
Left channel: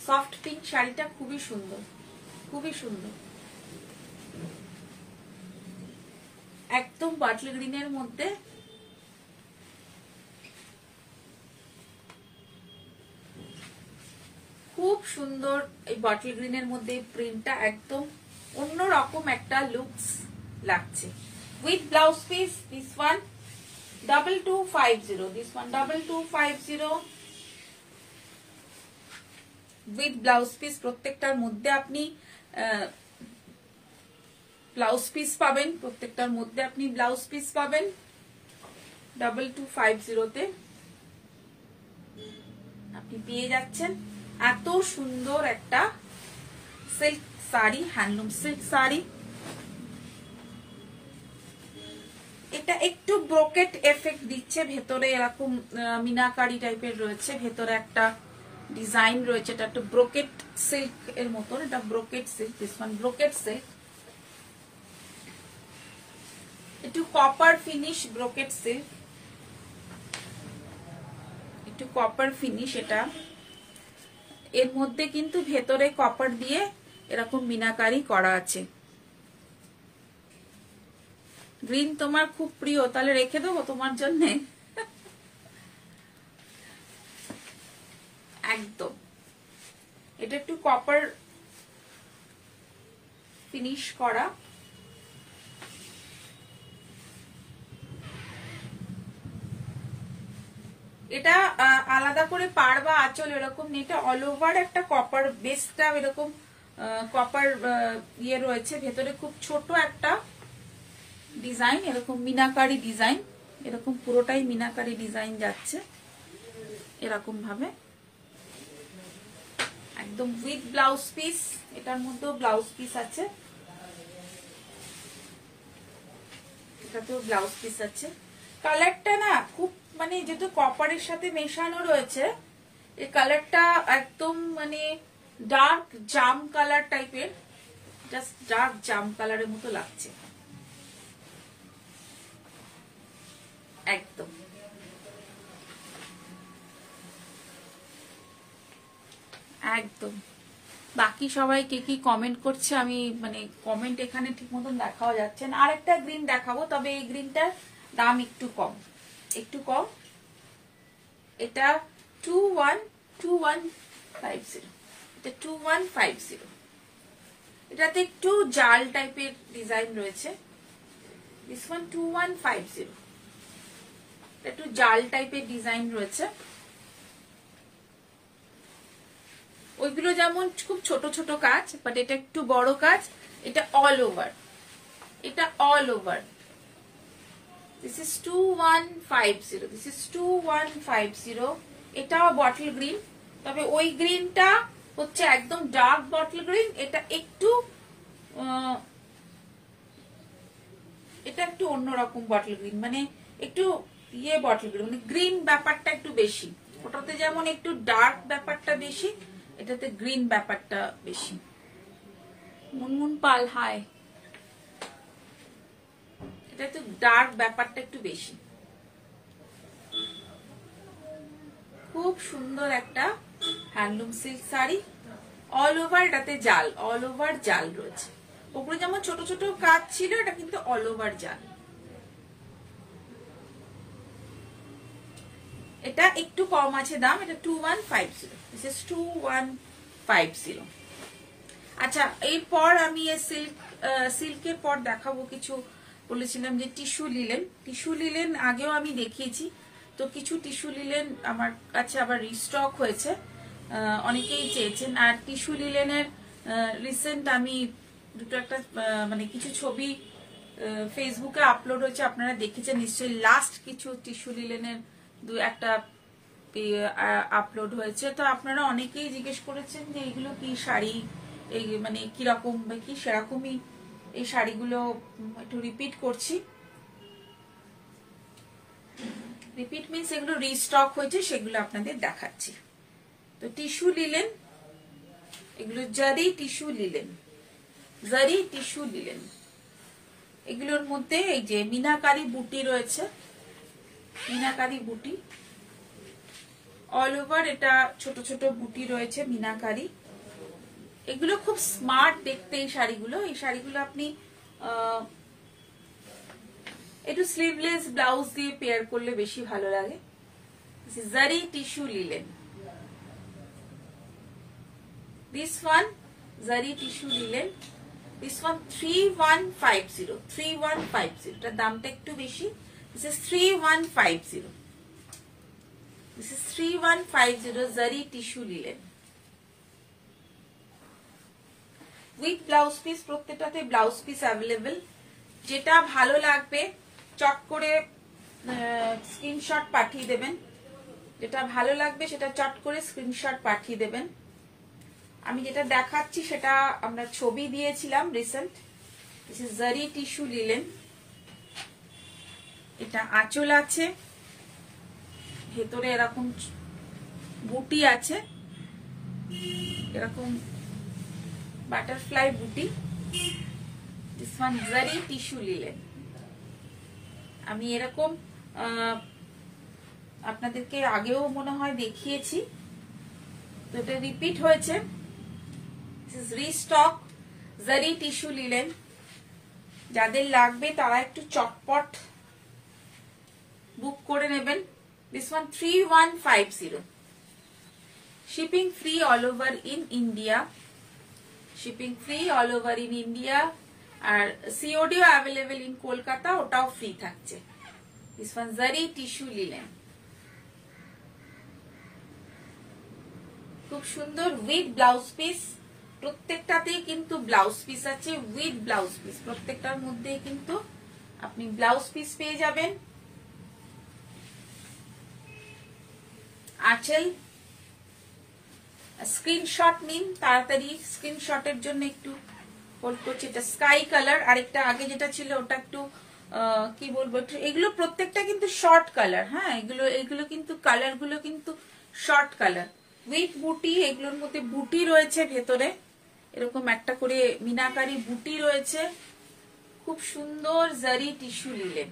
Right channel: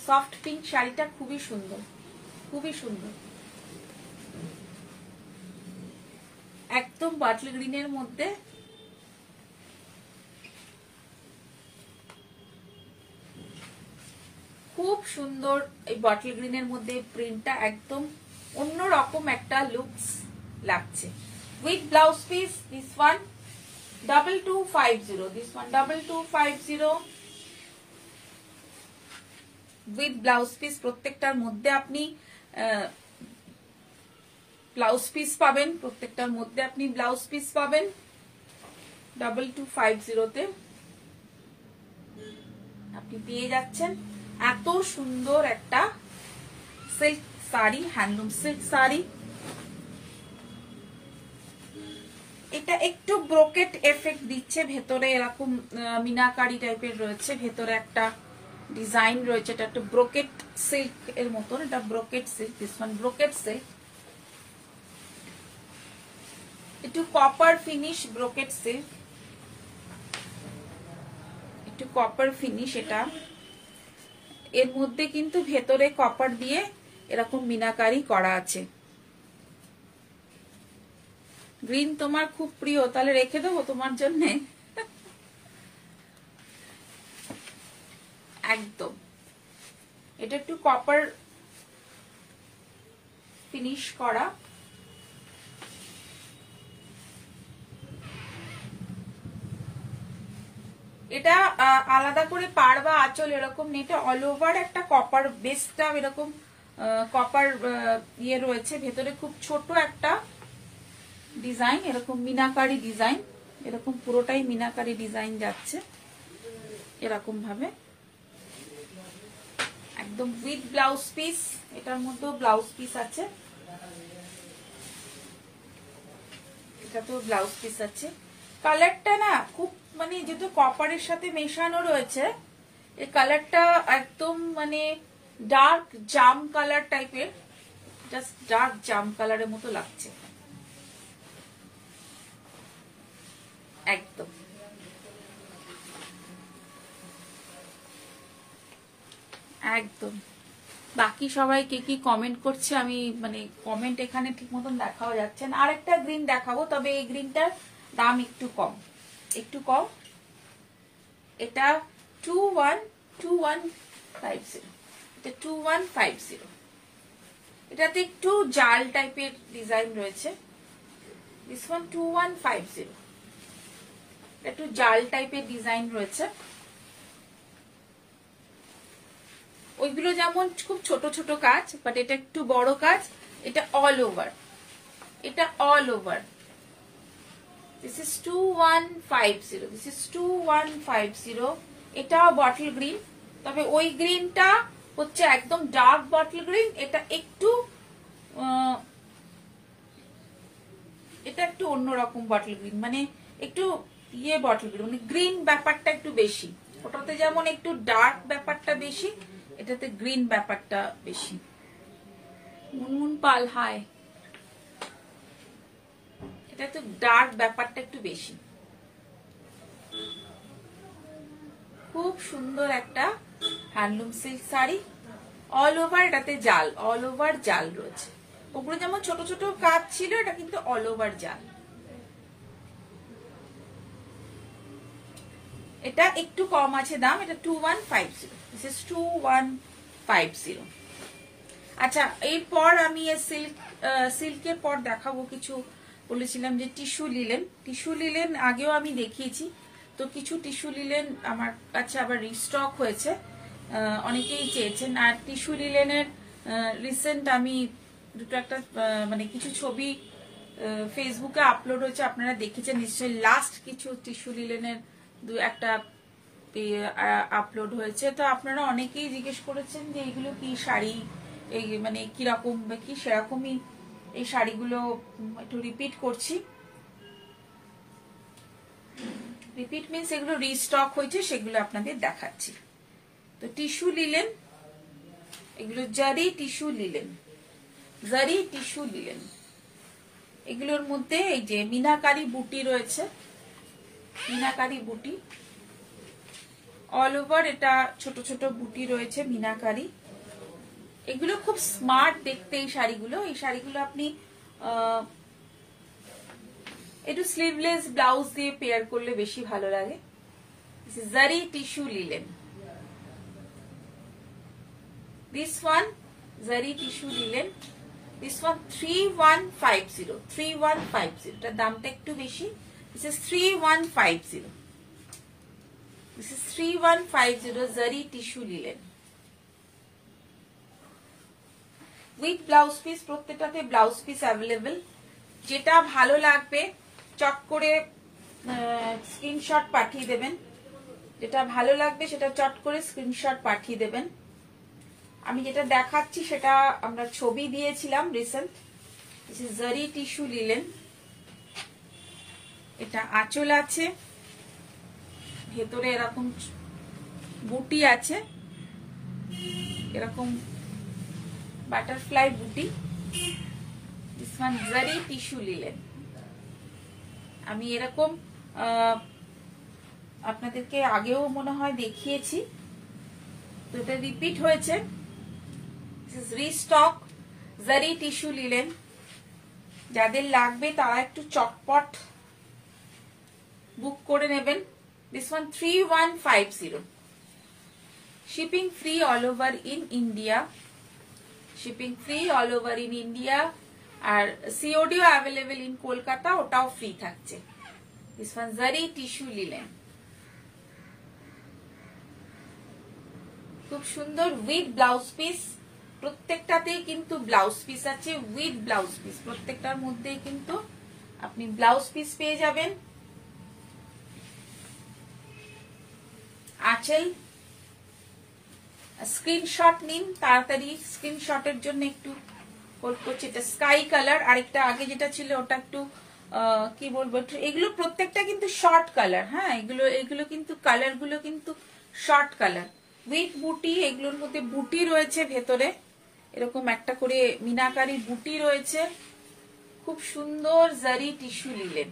সফট পিঙ্ক শাড়িটা খুবই সুন্দর, খুবই সুন্দর। একদম বটল গ্রিনের মধ্যে, খুব সুন্দর। এই বটল গ্রিনের মধ্যে প্রিন্টটা একদম অন্যরকম একটা লুকস লাগছে। With blouse piece, this one 2250, this one 2250 with blouse piece. প্রত্যেকটার মধ্যে আপনি ব্লাউজ পিস পাবেন, প্রত্যেকটার মধ্যে আপনি ব্লাউজ পিস পাবেন। 2250 আপনি পেয়ে যাচ্ছেন এত সুন্দর একটা silk sari, handloom silk sari. এটা একটু ব্রোকেট এফেক্ট দিচ্ছে, ভেতরে এরকম মিনাকারি টাইপের রয়েছে, ভেতরে একটা ডিজাইন রয়েছে, এটা একটু ব্রোকেট সিল্ক এর মতন, এটা brocade silk, this one brocade silk, একটু কপার ফিনিশ ব্রোকেট সিল্ক, একটু কপার ফিনিশ। এটা এর মধ্যে কিন্তু ভেতরে কপার দিয়ে এরকম মিনাকারি করা আছে। গ্রিন তোমার খুব প্রিয়, তাহলে রেখে দেবো তোমার জন্য একদম। এটা একটু কপার ফিনিশ করা, এটা আলাদা করে পাড় বা আঁচল এরকম নেই, এটা অল ওভার একটা কপার বেসটা এরকম কপার ইয়ে রয়েছে, ভেতরে খুব ছোট একটা ডিজাইন, এরকম মিনাকারি ডিজাইন, এরকম পুরোটাই মিনাকারি ডিজাইন যাচ্ছে এরকম ভাবে, একদম উইথ ব্লাউজ পিস। এটার মধ্যেও ব্লাউজ পিস আছে, এটাতেও ব্লাউজ পিস আছে। কালারটা না খুব মানে যেহেতু কপারের সাথে মেশানো রয়েছে, এই কালারটা একদম মানে ডার্ক জাম কালার টাইপের, জাস্ট ডার্ক জাম কালারের মতো লাগছে একদম। একদম বাকি সবাই কে কি কমেন্ট করছে আমি মানে কমেন্ট এখানে ঠিক মতন দেখাও যাচ্ছে না। আরেকটা গ্রিন দেখাবো, তবে এই গ্রিনটার দাম একটু কম, একটু কম। এটা 2150, এটা 2150। এটাতে একটু জাল টাইপের ডিজাইন রয়েছে, দিস ওয়ান 2150, একটু জাল টাইপের ডিজাইন রয়েছে। ওইগুলো যেমন খুব ছোট ছোট কাজ, বাট এটা একটু বড় কাজ, এটা অল ওভার, এটা all over. This is 2150, this is 2150। এটা বটল গ্রিন, তবে ওই গ্রিনটা হচ্ছে একদম ডার্ক বটল গ্রিন, এটা একটু অন্যরকম বটল গ্রিন, মানে একটু ইয়ে বটল গ্রিন, মানে গ্রিন ব্যাপারটা একটু বেশি। ওটাতে যেমন একটু ডার্ক ব্যাপারটা বেশি, এটাতে গ্রিন ব্যাপারটা বেশি। মুনমুন পাল হাই, এটা একটু ডার্ক ব্যাপারটা একটু বেশি। খুব সুন্দর একটা handloom silk sari, all over এটাতে জাল, অল ওভার জাল রয়েছে। ওগুলো যেমন ছোট ছোট কাজ ছিল, এটা কিন্তু অল ওভার জাল। এটা একটু কম আছে দাম, এটা 2150, দিস ইজ 2150। আচ্ছা, এরপর আমি সিল্কের পর দেখাবো কিছু, বলেছিলাম যে টিস্যু লিলেন। টিস্যু লিলেন আগেও আমি দেখিয়েছি, তো কিছু টিস্যু লিলেন আমার কাছে আবার রিস্টক হয়েছে, অনেকেই চেয়েছেন। আর টিস্যু লিলেনের রিসেন্ট আমি দুটো একটা মানে কিছু ছবি ফেসবুকে আপলোড হয়েছে, আপনারা দেখেছেন নিশ্চয়ই। লাস্ট কিছু টিস্যু লিলেনের দু একটা আপলোড হয়েছে, তো আপনারা অনেকেই জিজ্ঞেস করেছেন যে এগুলো কি শাড়ি, এই মানে কিরকম বা কি, সেরকমই এই শাড়িগুলো একটু রিপিট করছি। রিপিট মিনস এগুলো রিস্টক হয়েছে, সেগুলো আপনাদের দেখাচ্ছি। তো টিস্যু লিলেন, এগুলো জারি টিস্যু লিলেন, জারি টিস্যু লিলেন। এগুলোর মধ্যে এই যে মিনাকারি বুটি রয়েছে, মিনাকারি বুটি অল ওভার, এটা ছোট ছোট বুটি রয়েছে মিনাকারি। এগুলো খুব স্মার্ট দেখতে এই শাড়িগুলো। এই শাড়িগুলো আপনি একটু স্লিভলেস ব্লাউজ দিয়ে পেয়ার করলে বেশি ভালো লাগে। জারি tissue linen, this one zari tissue linen, this one 3150, 3150, এটার দামটা একটু বেশি। This is 3150, this is 3150 zari tissue linen with blouse piece. প্রত্যেকটাতে ব্লাউজ পিস অ্যাভেলেবেল। যেটা ভালো লাগবে চট করে স্ক্রিনশট পাঠিয়ে দেবেন, যেটা ভালো লাগবে সেটা চট করে স্ক্রিনশট পাঠিয়ে দেবেন। আমি যেটা দেখাচ্ছি সেটা আমরা ছবি দিয়েছিলাম রিসেন্ট। দিস ইজ জারি টিস্যু লিলেন, এটা আঁচল আছে, ভেতরে এরকম বুটি আছে, এরকম বাটারফ্লাই বুটি। This one zari tissue linen. আমি এরকম আপনাদেরকে আগেও মনে হয় দেখিয়েছি, তো এটা রিপিট হয়েছে। রিস্টক জারি টিস্যু লিলেন। যাদের লাগবে তারা একটু চটপট বুক করে নেবেন। This one 3150। Shipping free all over in India. Shipping free all over in India. আর সিওডিও অ্যাভেলেবেল ইন কলকাতা, ওটাও ফ্রি থাকছে। This one zari tissue linen. খুব সুন্দর উইথ ব্লাউজ পিস। প্রত্যেকটাতেই কিন্তু ব্লাউজ পিস আছে, উইথ ব্লাউজ পিস। প্রত্যেকটার মধ্যেই কিন্তু আপনি ব্লাউজ পিস পেয়ে যাবেন। আঁচল। স্ক্রিনশট নিন তাড়াতাড়ি, স্ক্রিনশটের জন্য একটু হোল্ড করছি। এটা স্কাই কালার, আরেকটা আগে যেটা ছিল ওটা একটু কি বলবো, এগুলো প্রত্যেকটা কিন্তু শর্ট কালার। হ্যাঁ, এগুলো কিন্তু কালার গুলো কিন্তু শর্ট কালার উইথ বুটি। এগুলোর মধ্যে বুটি রয়েছে ভেতরে, এরকম একটা করে মিনাকারি বুটি রয়েছে। খুব সুন্দর জারি টিস্যু লিলেন,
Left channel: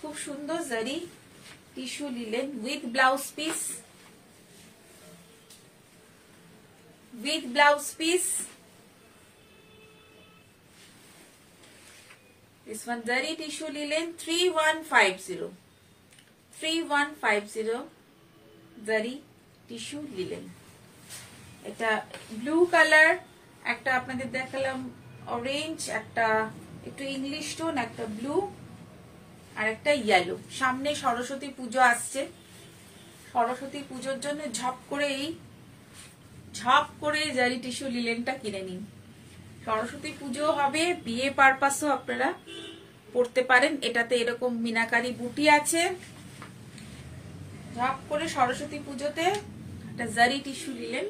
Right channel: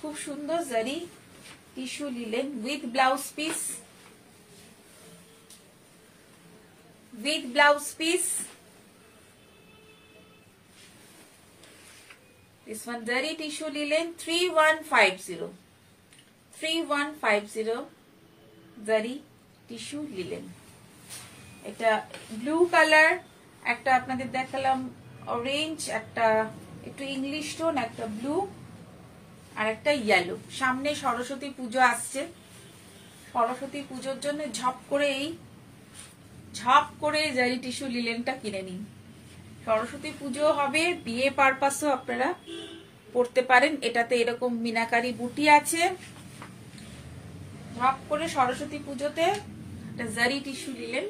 খুব সুন্দর জারি tissue linen with blouse piece. With blouse piece. This one zari tissue linen 3150. 3150 zari tissue linen. এটা ব্লু কালার, একটা আপনাদের দেখালাম অরেঞ্জ, একটা একটু ইংলিশ টোন, একটা ব্লু, আর একটা ইয়েলো। সামনে সরস্বতী পুজো আসছে, সরস্বতী পুজোর জন্য ঝপ করে জারি টিস্যু লিলেনটা কিনে নিন। সরস্বতী পুজো হবে, বিয়ে পারপাসও আপনারা পড়তে পারেন। এটাতে এরকম মিনাকারি বুটি আছে। ঝপ করে সরস্বতী পুজোতে একটা জারি tissue linen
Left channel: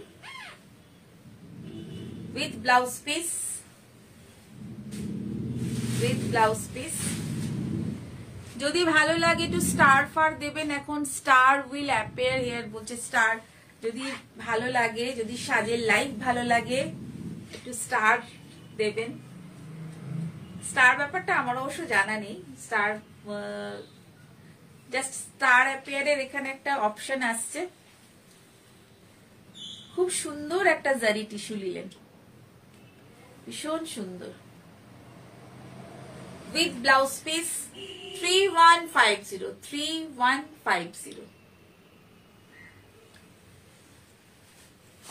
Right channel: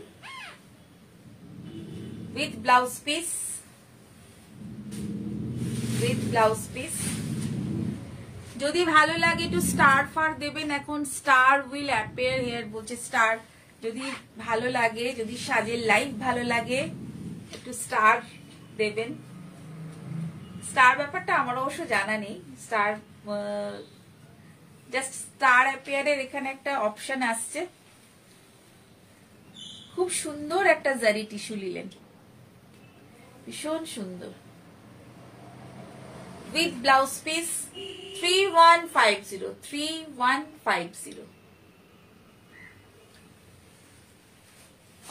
with blouse piece. With blouse piece. যদি ভালো লাগে একটু স্টার ফার দেবেন। এখন স্টার উইল অ্যাপিয়ার হিয়ার বলছে, স্টার যদি ভালো লাগে, যদি সাজের লাইফ ভালো লাগে, একটু স্টার দেবেন। স্টার ব্যাপারটা আমার অবশ্য জানা নেই। স্টার জাস্ট স্টার অ্যাপিয়ারের এখানে একটা অপশন আসছে। খুব সুন্দর একটা জারি টিস্যু লিলেন, ভীষণ সুন্দর with blouse piece. 3150। 3150।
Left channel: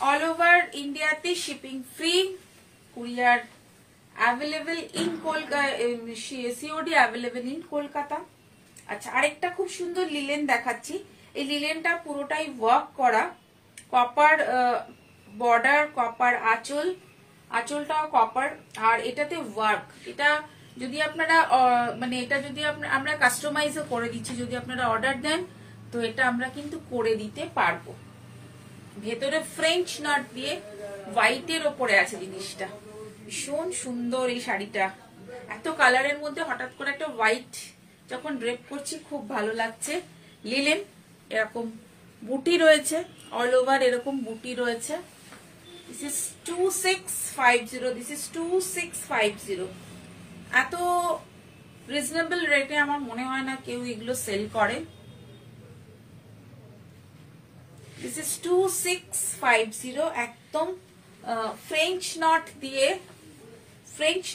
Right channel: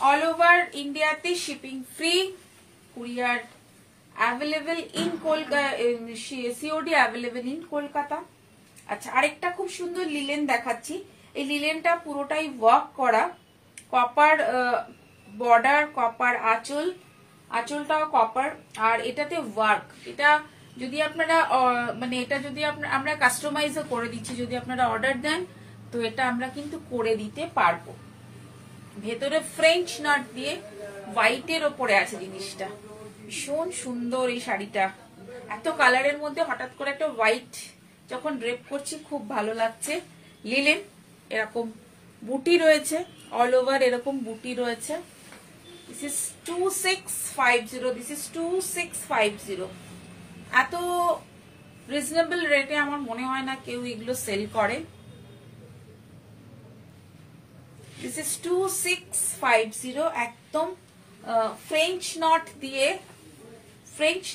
All over ইন্ডিয়াতে shipping free, courier available in Kolkata, COD available in Kolkata. আচ্ছা, আরেকটা খুব সুন্দর লিলেন দেখাচ্ছি। এই লিলেনটা পুরোটাই ওয়ার্ক করা, কপার বর্ডার, কপার আঁচল, আঁচলটাও কপার, আর এটাতে ওয়ার্ক। এটা যদি আপনারা মানে এটা যদি আমরা কাস্টমাইজও করে দিচ্ছি, যদি আপনারা অর্ডার দেন তো এটা আমরা কিন্তু করে দিতে পারবো। ভেতরে ফ্রেঞ্চ নট দিয়ে হোয়াইটের ওপরে আছে জিনিসটা, ভীষণ সুন্দর এই শাড়িটা। এত কালারের মধ্যে হঠাৎ করে একটা হোয়াইট যখন ড্রেপ করছি খুব ভালো লাগছে। লিলেন, এরকম বুটি রয়েছে অল ওভার, এরকম বুটি রয়েছে। This is 2650। This is 2650। এত রিজনেবল রেটে আমার মনে হয় না কেউ এগুলো সেল করে। This is 2650। একদম ফ্রেঞ্চ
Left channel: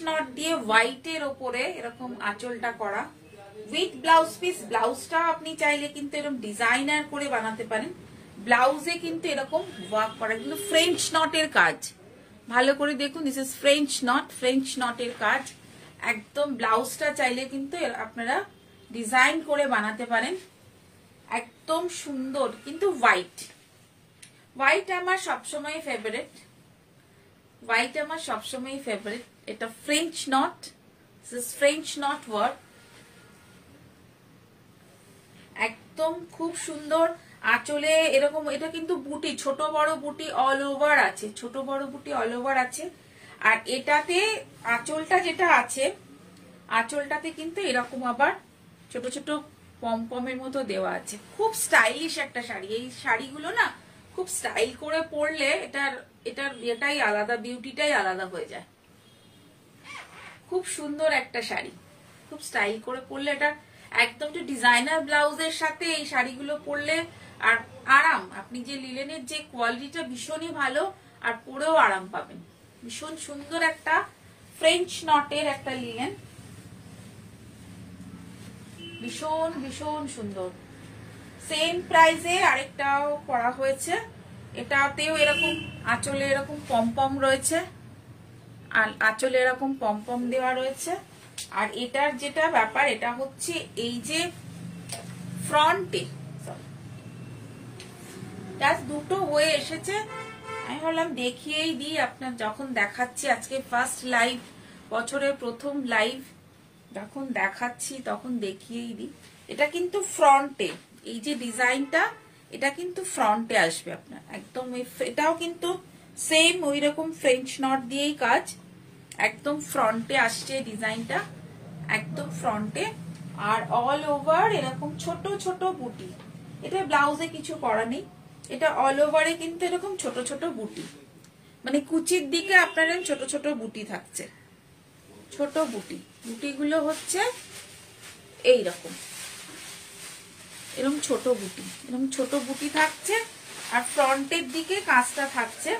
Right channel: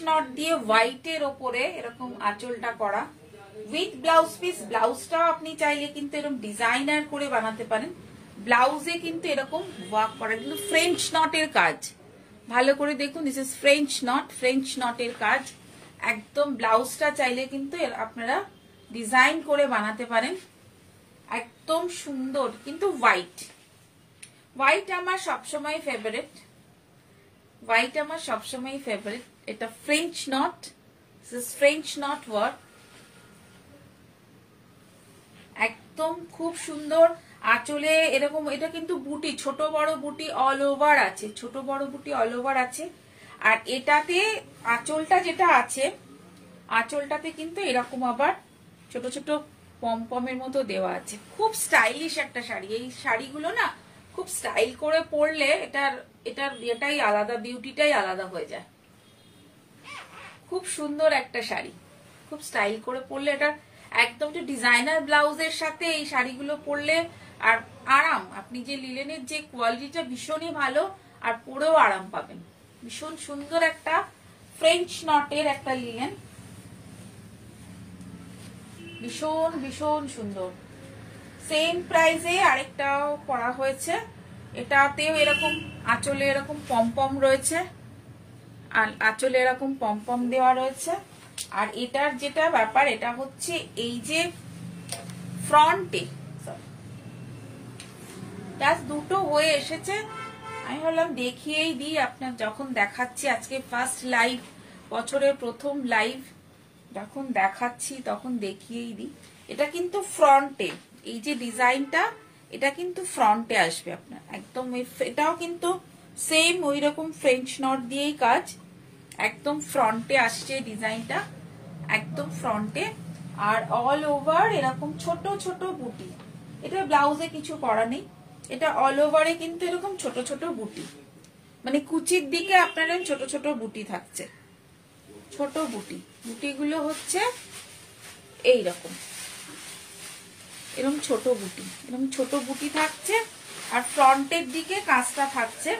নট দিয়ে হোয়াইটের ওপরে এরকম আঁচলটা করা উইথ ব্লাউজ পিস। ব্লাউজটাও আপনি চাইলে কিন্তু এরকম ডিজাইনার করে বানাতে পারেন। ব্লাউজে কিন্তু এরকম ওয়ার্ক করা, কিন্তু ফ্রেঞ্চ নটের কাজ। ভালো করে দেখুন, this is French knot, French নটের কাজ। একদম ব্লাউজটা চাইলে কিন্তু আপনারা ডিজাইন করে বানাতে পারেন। একদম সুন্দর, কিন্তু হোয়াইট। হোয়াইট আমার সবসময় ফেভারিট, হোয়াইট আমার সবসময় ফেভারিট। এটা French knot, French not work, একদম খুব সুন্দর। আঁচলে এরকম, এটা কিন্তু বুটি, ছোট বড় বুটি অল ওভার আছে, ছোট বড় বুটি অল ওভার আছে। আর এটাতে আঁচলটা যেটা আছে, আঁচলটাতে কিন্তু এরকম আবার ছোট ছোট পমপমের মতো দেওয়া আছে। খুব স্টাইলিশ একটা শাড়ি। এই শাড়িগুলো না খুব স্টাইল করে পরলে এটাই আলাদা, বিউটিটাই আলাদা হয়ে যায়। খুব সুন্দর একটা শাড়ি, খুব স্টাইল করে পরলে এটা একদম যে ডিজাইনার ব্লাউজের সাথে এই শাড়িগুলো পরলে আর আরাম, আপনি যে লিলেনের যে কোয়ালিটিটা ভীষণই ভালো, আর পরেও আরাম পাবেন। ভীষণ সুন্দর একটা ফ্রেঞ্চ নটের একটা লিলেন, ভীষণ ভীষণ সুন্দর। সেম প্রাইসে আরেকটাও করা হয়েছে, এটাতেও এরকম আঁচলে এরকম পমপম রয়েছে, আর আঁচলে এরকম পমপম দেওয়া রয়েছে। আর এটার যেটা ব্যাপার, এটা হচ্ছে এই যে ফ্রন্টে দুটো হয়ে এসেছে। আমি ভাবলাম দেখিয়েই দিই আপনার, যখন দেখাচ্ছি আজকে ফার্স্ট লাইভ, বছরের প্রথম লাইভ যখন দেখাচ্ছি তখন দেখিয়েই দিই। এটা কিন্তু ফ্রন্টে, এই যে ডিজাইনটা এটা কিন্তু ফ্রন্টে আসবে আপনার একদম। এটাও কিন্তু সেম ওই রকম ফ্রেঞ্চ নট দিয়েই কাজ, একদম ফ্রন্টে আসছে ডিজাইনটা, একদম ফ্রন্টে। আর অল ওভার এরকম ছোট ছোট বুটি, এটা ব্লাউজে কিছু করা নেই, এটা অল ওভারে কিন্তু এরকম ছোট ছোট বুটি, মানে কুচির দিকে আপনার ছোট ছোট বুটি থাকছে, ছোট বুটি। বুটিগুলো হচ্ছে এইরকম, এরকম ছোট বুটি, এরকম ছোট বুটি থাকছে। আর ফ্রন্টের দিকে কাজটা থাকছে।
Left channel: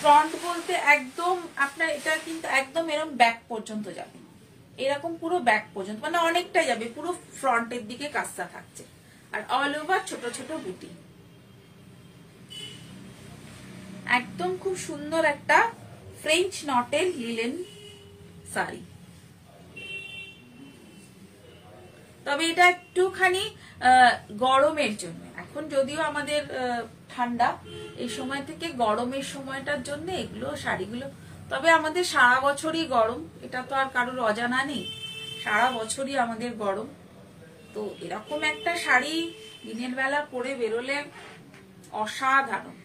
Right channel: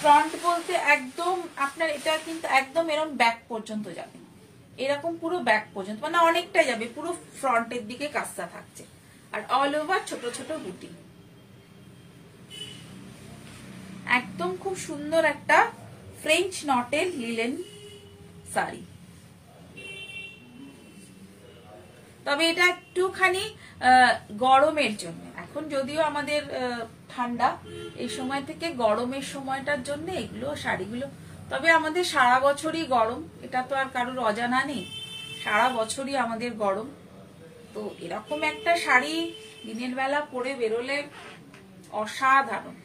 ফ্রন্ট বলতে একদম আপনার এটা কিন্তু একদম এরকম ব্যাক পর্যন্ত যাবে, এরকম পুরো ব্যাক পর্যন্ত, মানে অনেকটা যাবে, পুরো ফ্রন্টের দিকে কাজটা থাকছে। আর অল ওভার ছোট ছোট বুটি, একদম খুব সুন্দর একটা ফ্রেঞ্চ নটের লিলেন শাড়ি। তবে এটা একটুখানি গরমের জন্য, এখন যদিও আমাদের ঠান্ডা, এই সময় থেকে গরমের সময়টার জন্য এগুলো শাড়িগুলো। তবে আমাদের সারা বছরই গরম, এটা তো আর কারোর অজানা নেই, সারা বছরই আমাদের গরম। তো এরকম একটা শাড়ি দিনের বেলা পরে বেরোলে অসাধারণ।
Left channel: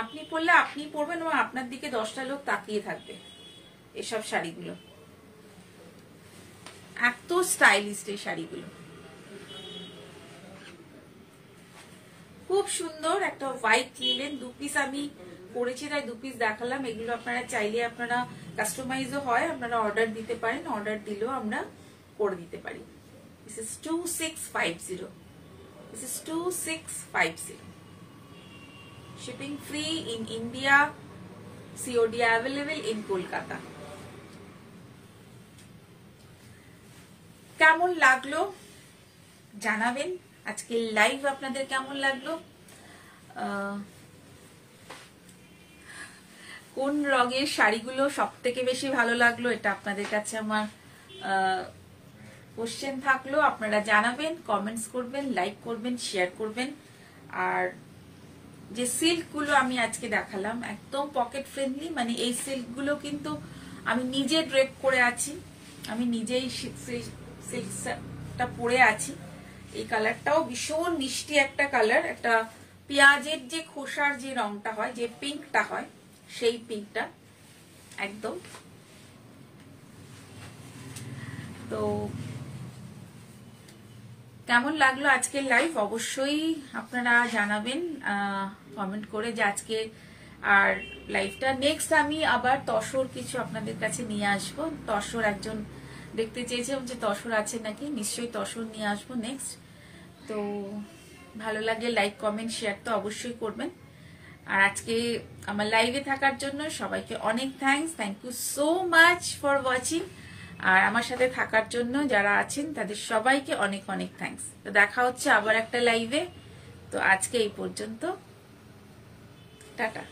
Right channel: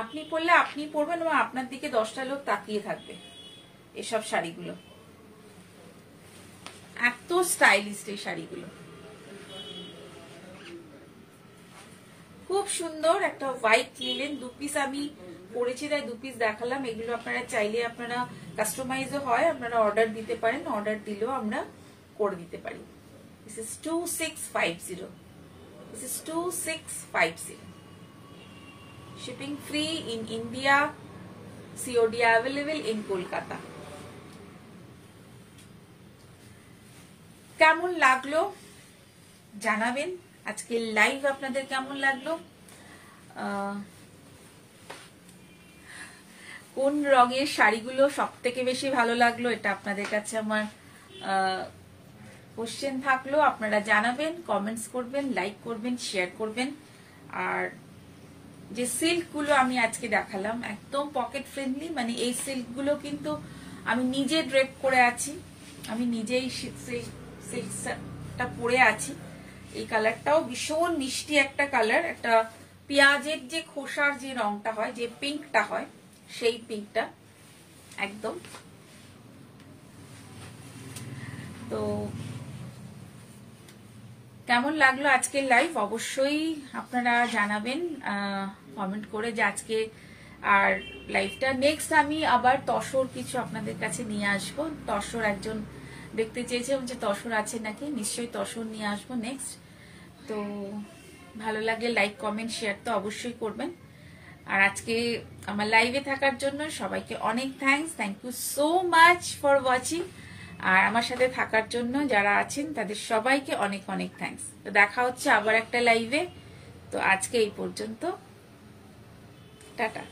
আপনি পরলে আপনি পরবেন এবং আপনার দিকে 10টা লোক তাকিয়ে থাকবে। এসব শাড়িগুলো এত স্টাইলিশ, এই শাড়িগুলো খুব সুন্দর। একটা হোয়াইট লিলেন 2 পিস আমি পরেছি, তাই 2 পিস দেখালাম। এগুলো আপনারা চাইলে আপনারা কাস্টমাইজও হয়, আপনারা অর্ডার দিতে পারেন, অর্ডার দিলেও আমরা করে দিতে পারি। This is 2650. This is 2650. Shipping free in India. COD available in Kolkata. কেমন লাগলো জানাবেন, আজকে লাইভ আপনাদের কেমন লাগলো, কোন রঙের শাড়িগুলো সব থেকে বেশি ভালো লাগলো, এটা আপনাদের কাছে আমার কোশ্চেন থাকলো। আপনারা জানাবেন, কমেন্টস করবেন, লাইক করবেন, শেয়ার করবেন। আর যে সিল্কগুলো আমি আজকে দেখালাম একদম পকেট ফ্রেন্ডলি, মানে এই সিল্কগুলো কিন্তু আমি নিজে ড্রেপ করে আছি, আমি নিজেই সিল্কটা পরে আছি। এই কালারটাও ভীষণ মিষ্টি একটা কালার, একটা পেঁয়াজের যে খোসার যে রংটা হয়, যে পিঙ্কটা হয়, সেই পিঙ্কটা একদম। তো কেমন লাগলো আজকের লাইভ অবশ্যই আপনারা জানাবেন কমেন্ট করে যে আজকে আর লাইভটা। নেক্সট আমি আবার তসর কিছু আপনাদের কাছে নিয়ে আসবো। তসর একজন দেখতে চেয়েছে যে তসর আছে নাকি, নিশ্চয়ই তসর নিয়ে আসবো নেক্সট। তো ভালো লাগে লাইক কমেন্ট শেয়ার তো অবশ্যই করবেন। আর আজকে আমার লাইভে থাকার জন্য সবাইকে অনেক thanks, thank you so much for watching. আর আমার সাথে থাকার জন্য যারা আছেন তাদের সবাইকে অনেক অনেক থ্যাঙ্কস। তো দেখা হচ্ছে আবার একটা লাইভে। তো আজকে এই পর্যন্ত, টাটা।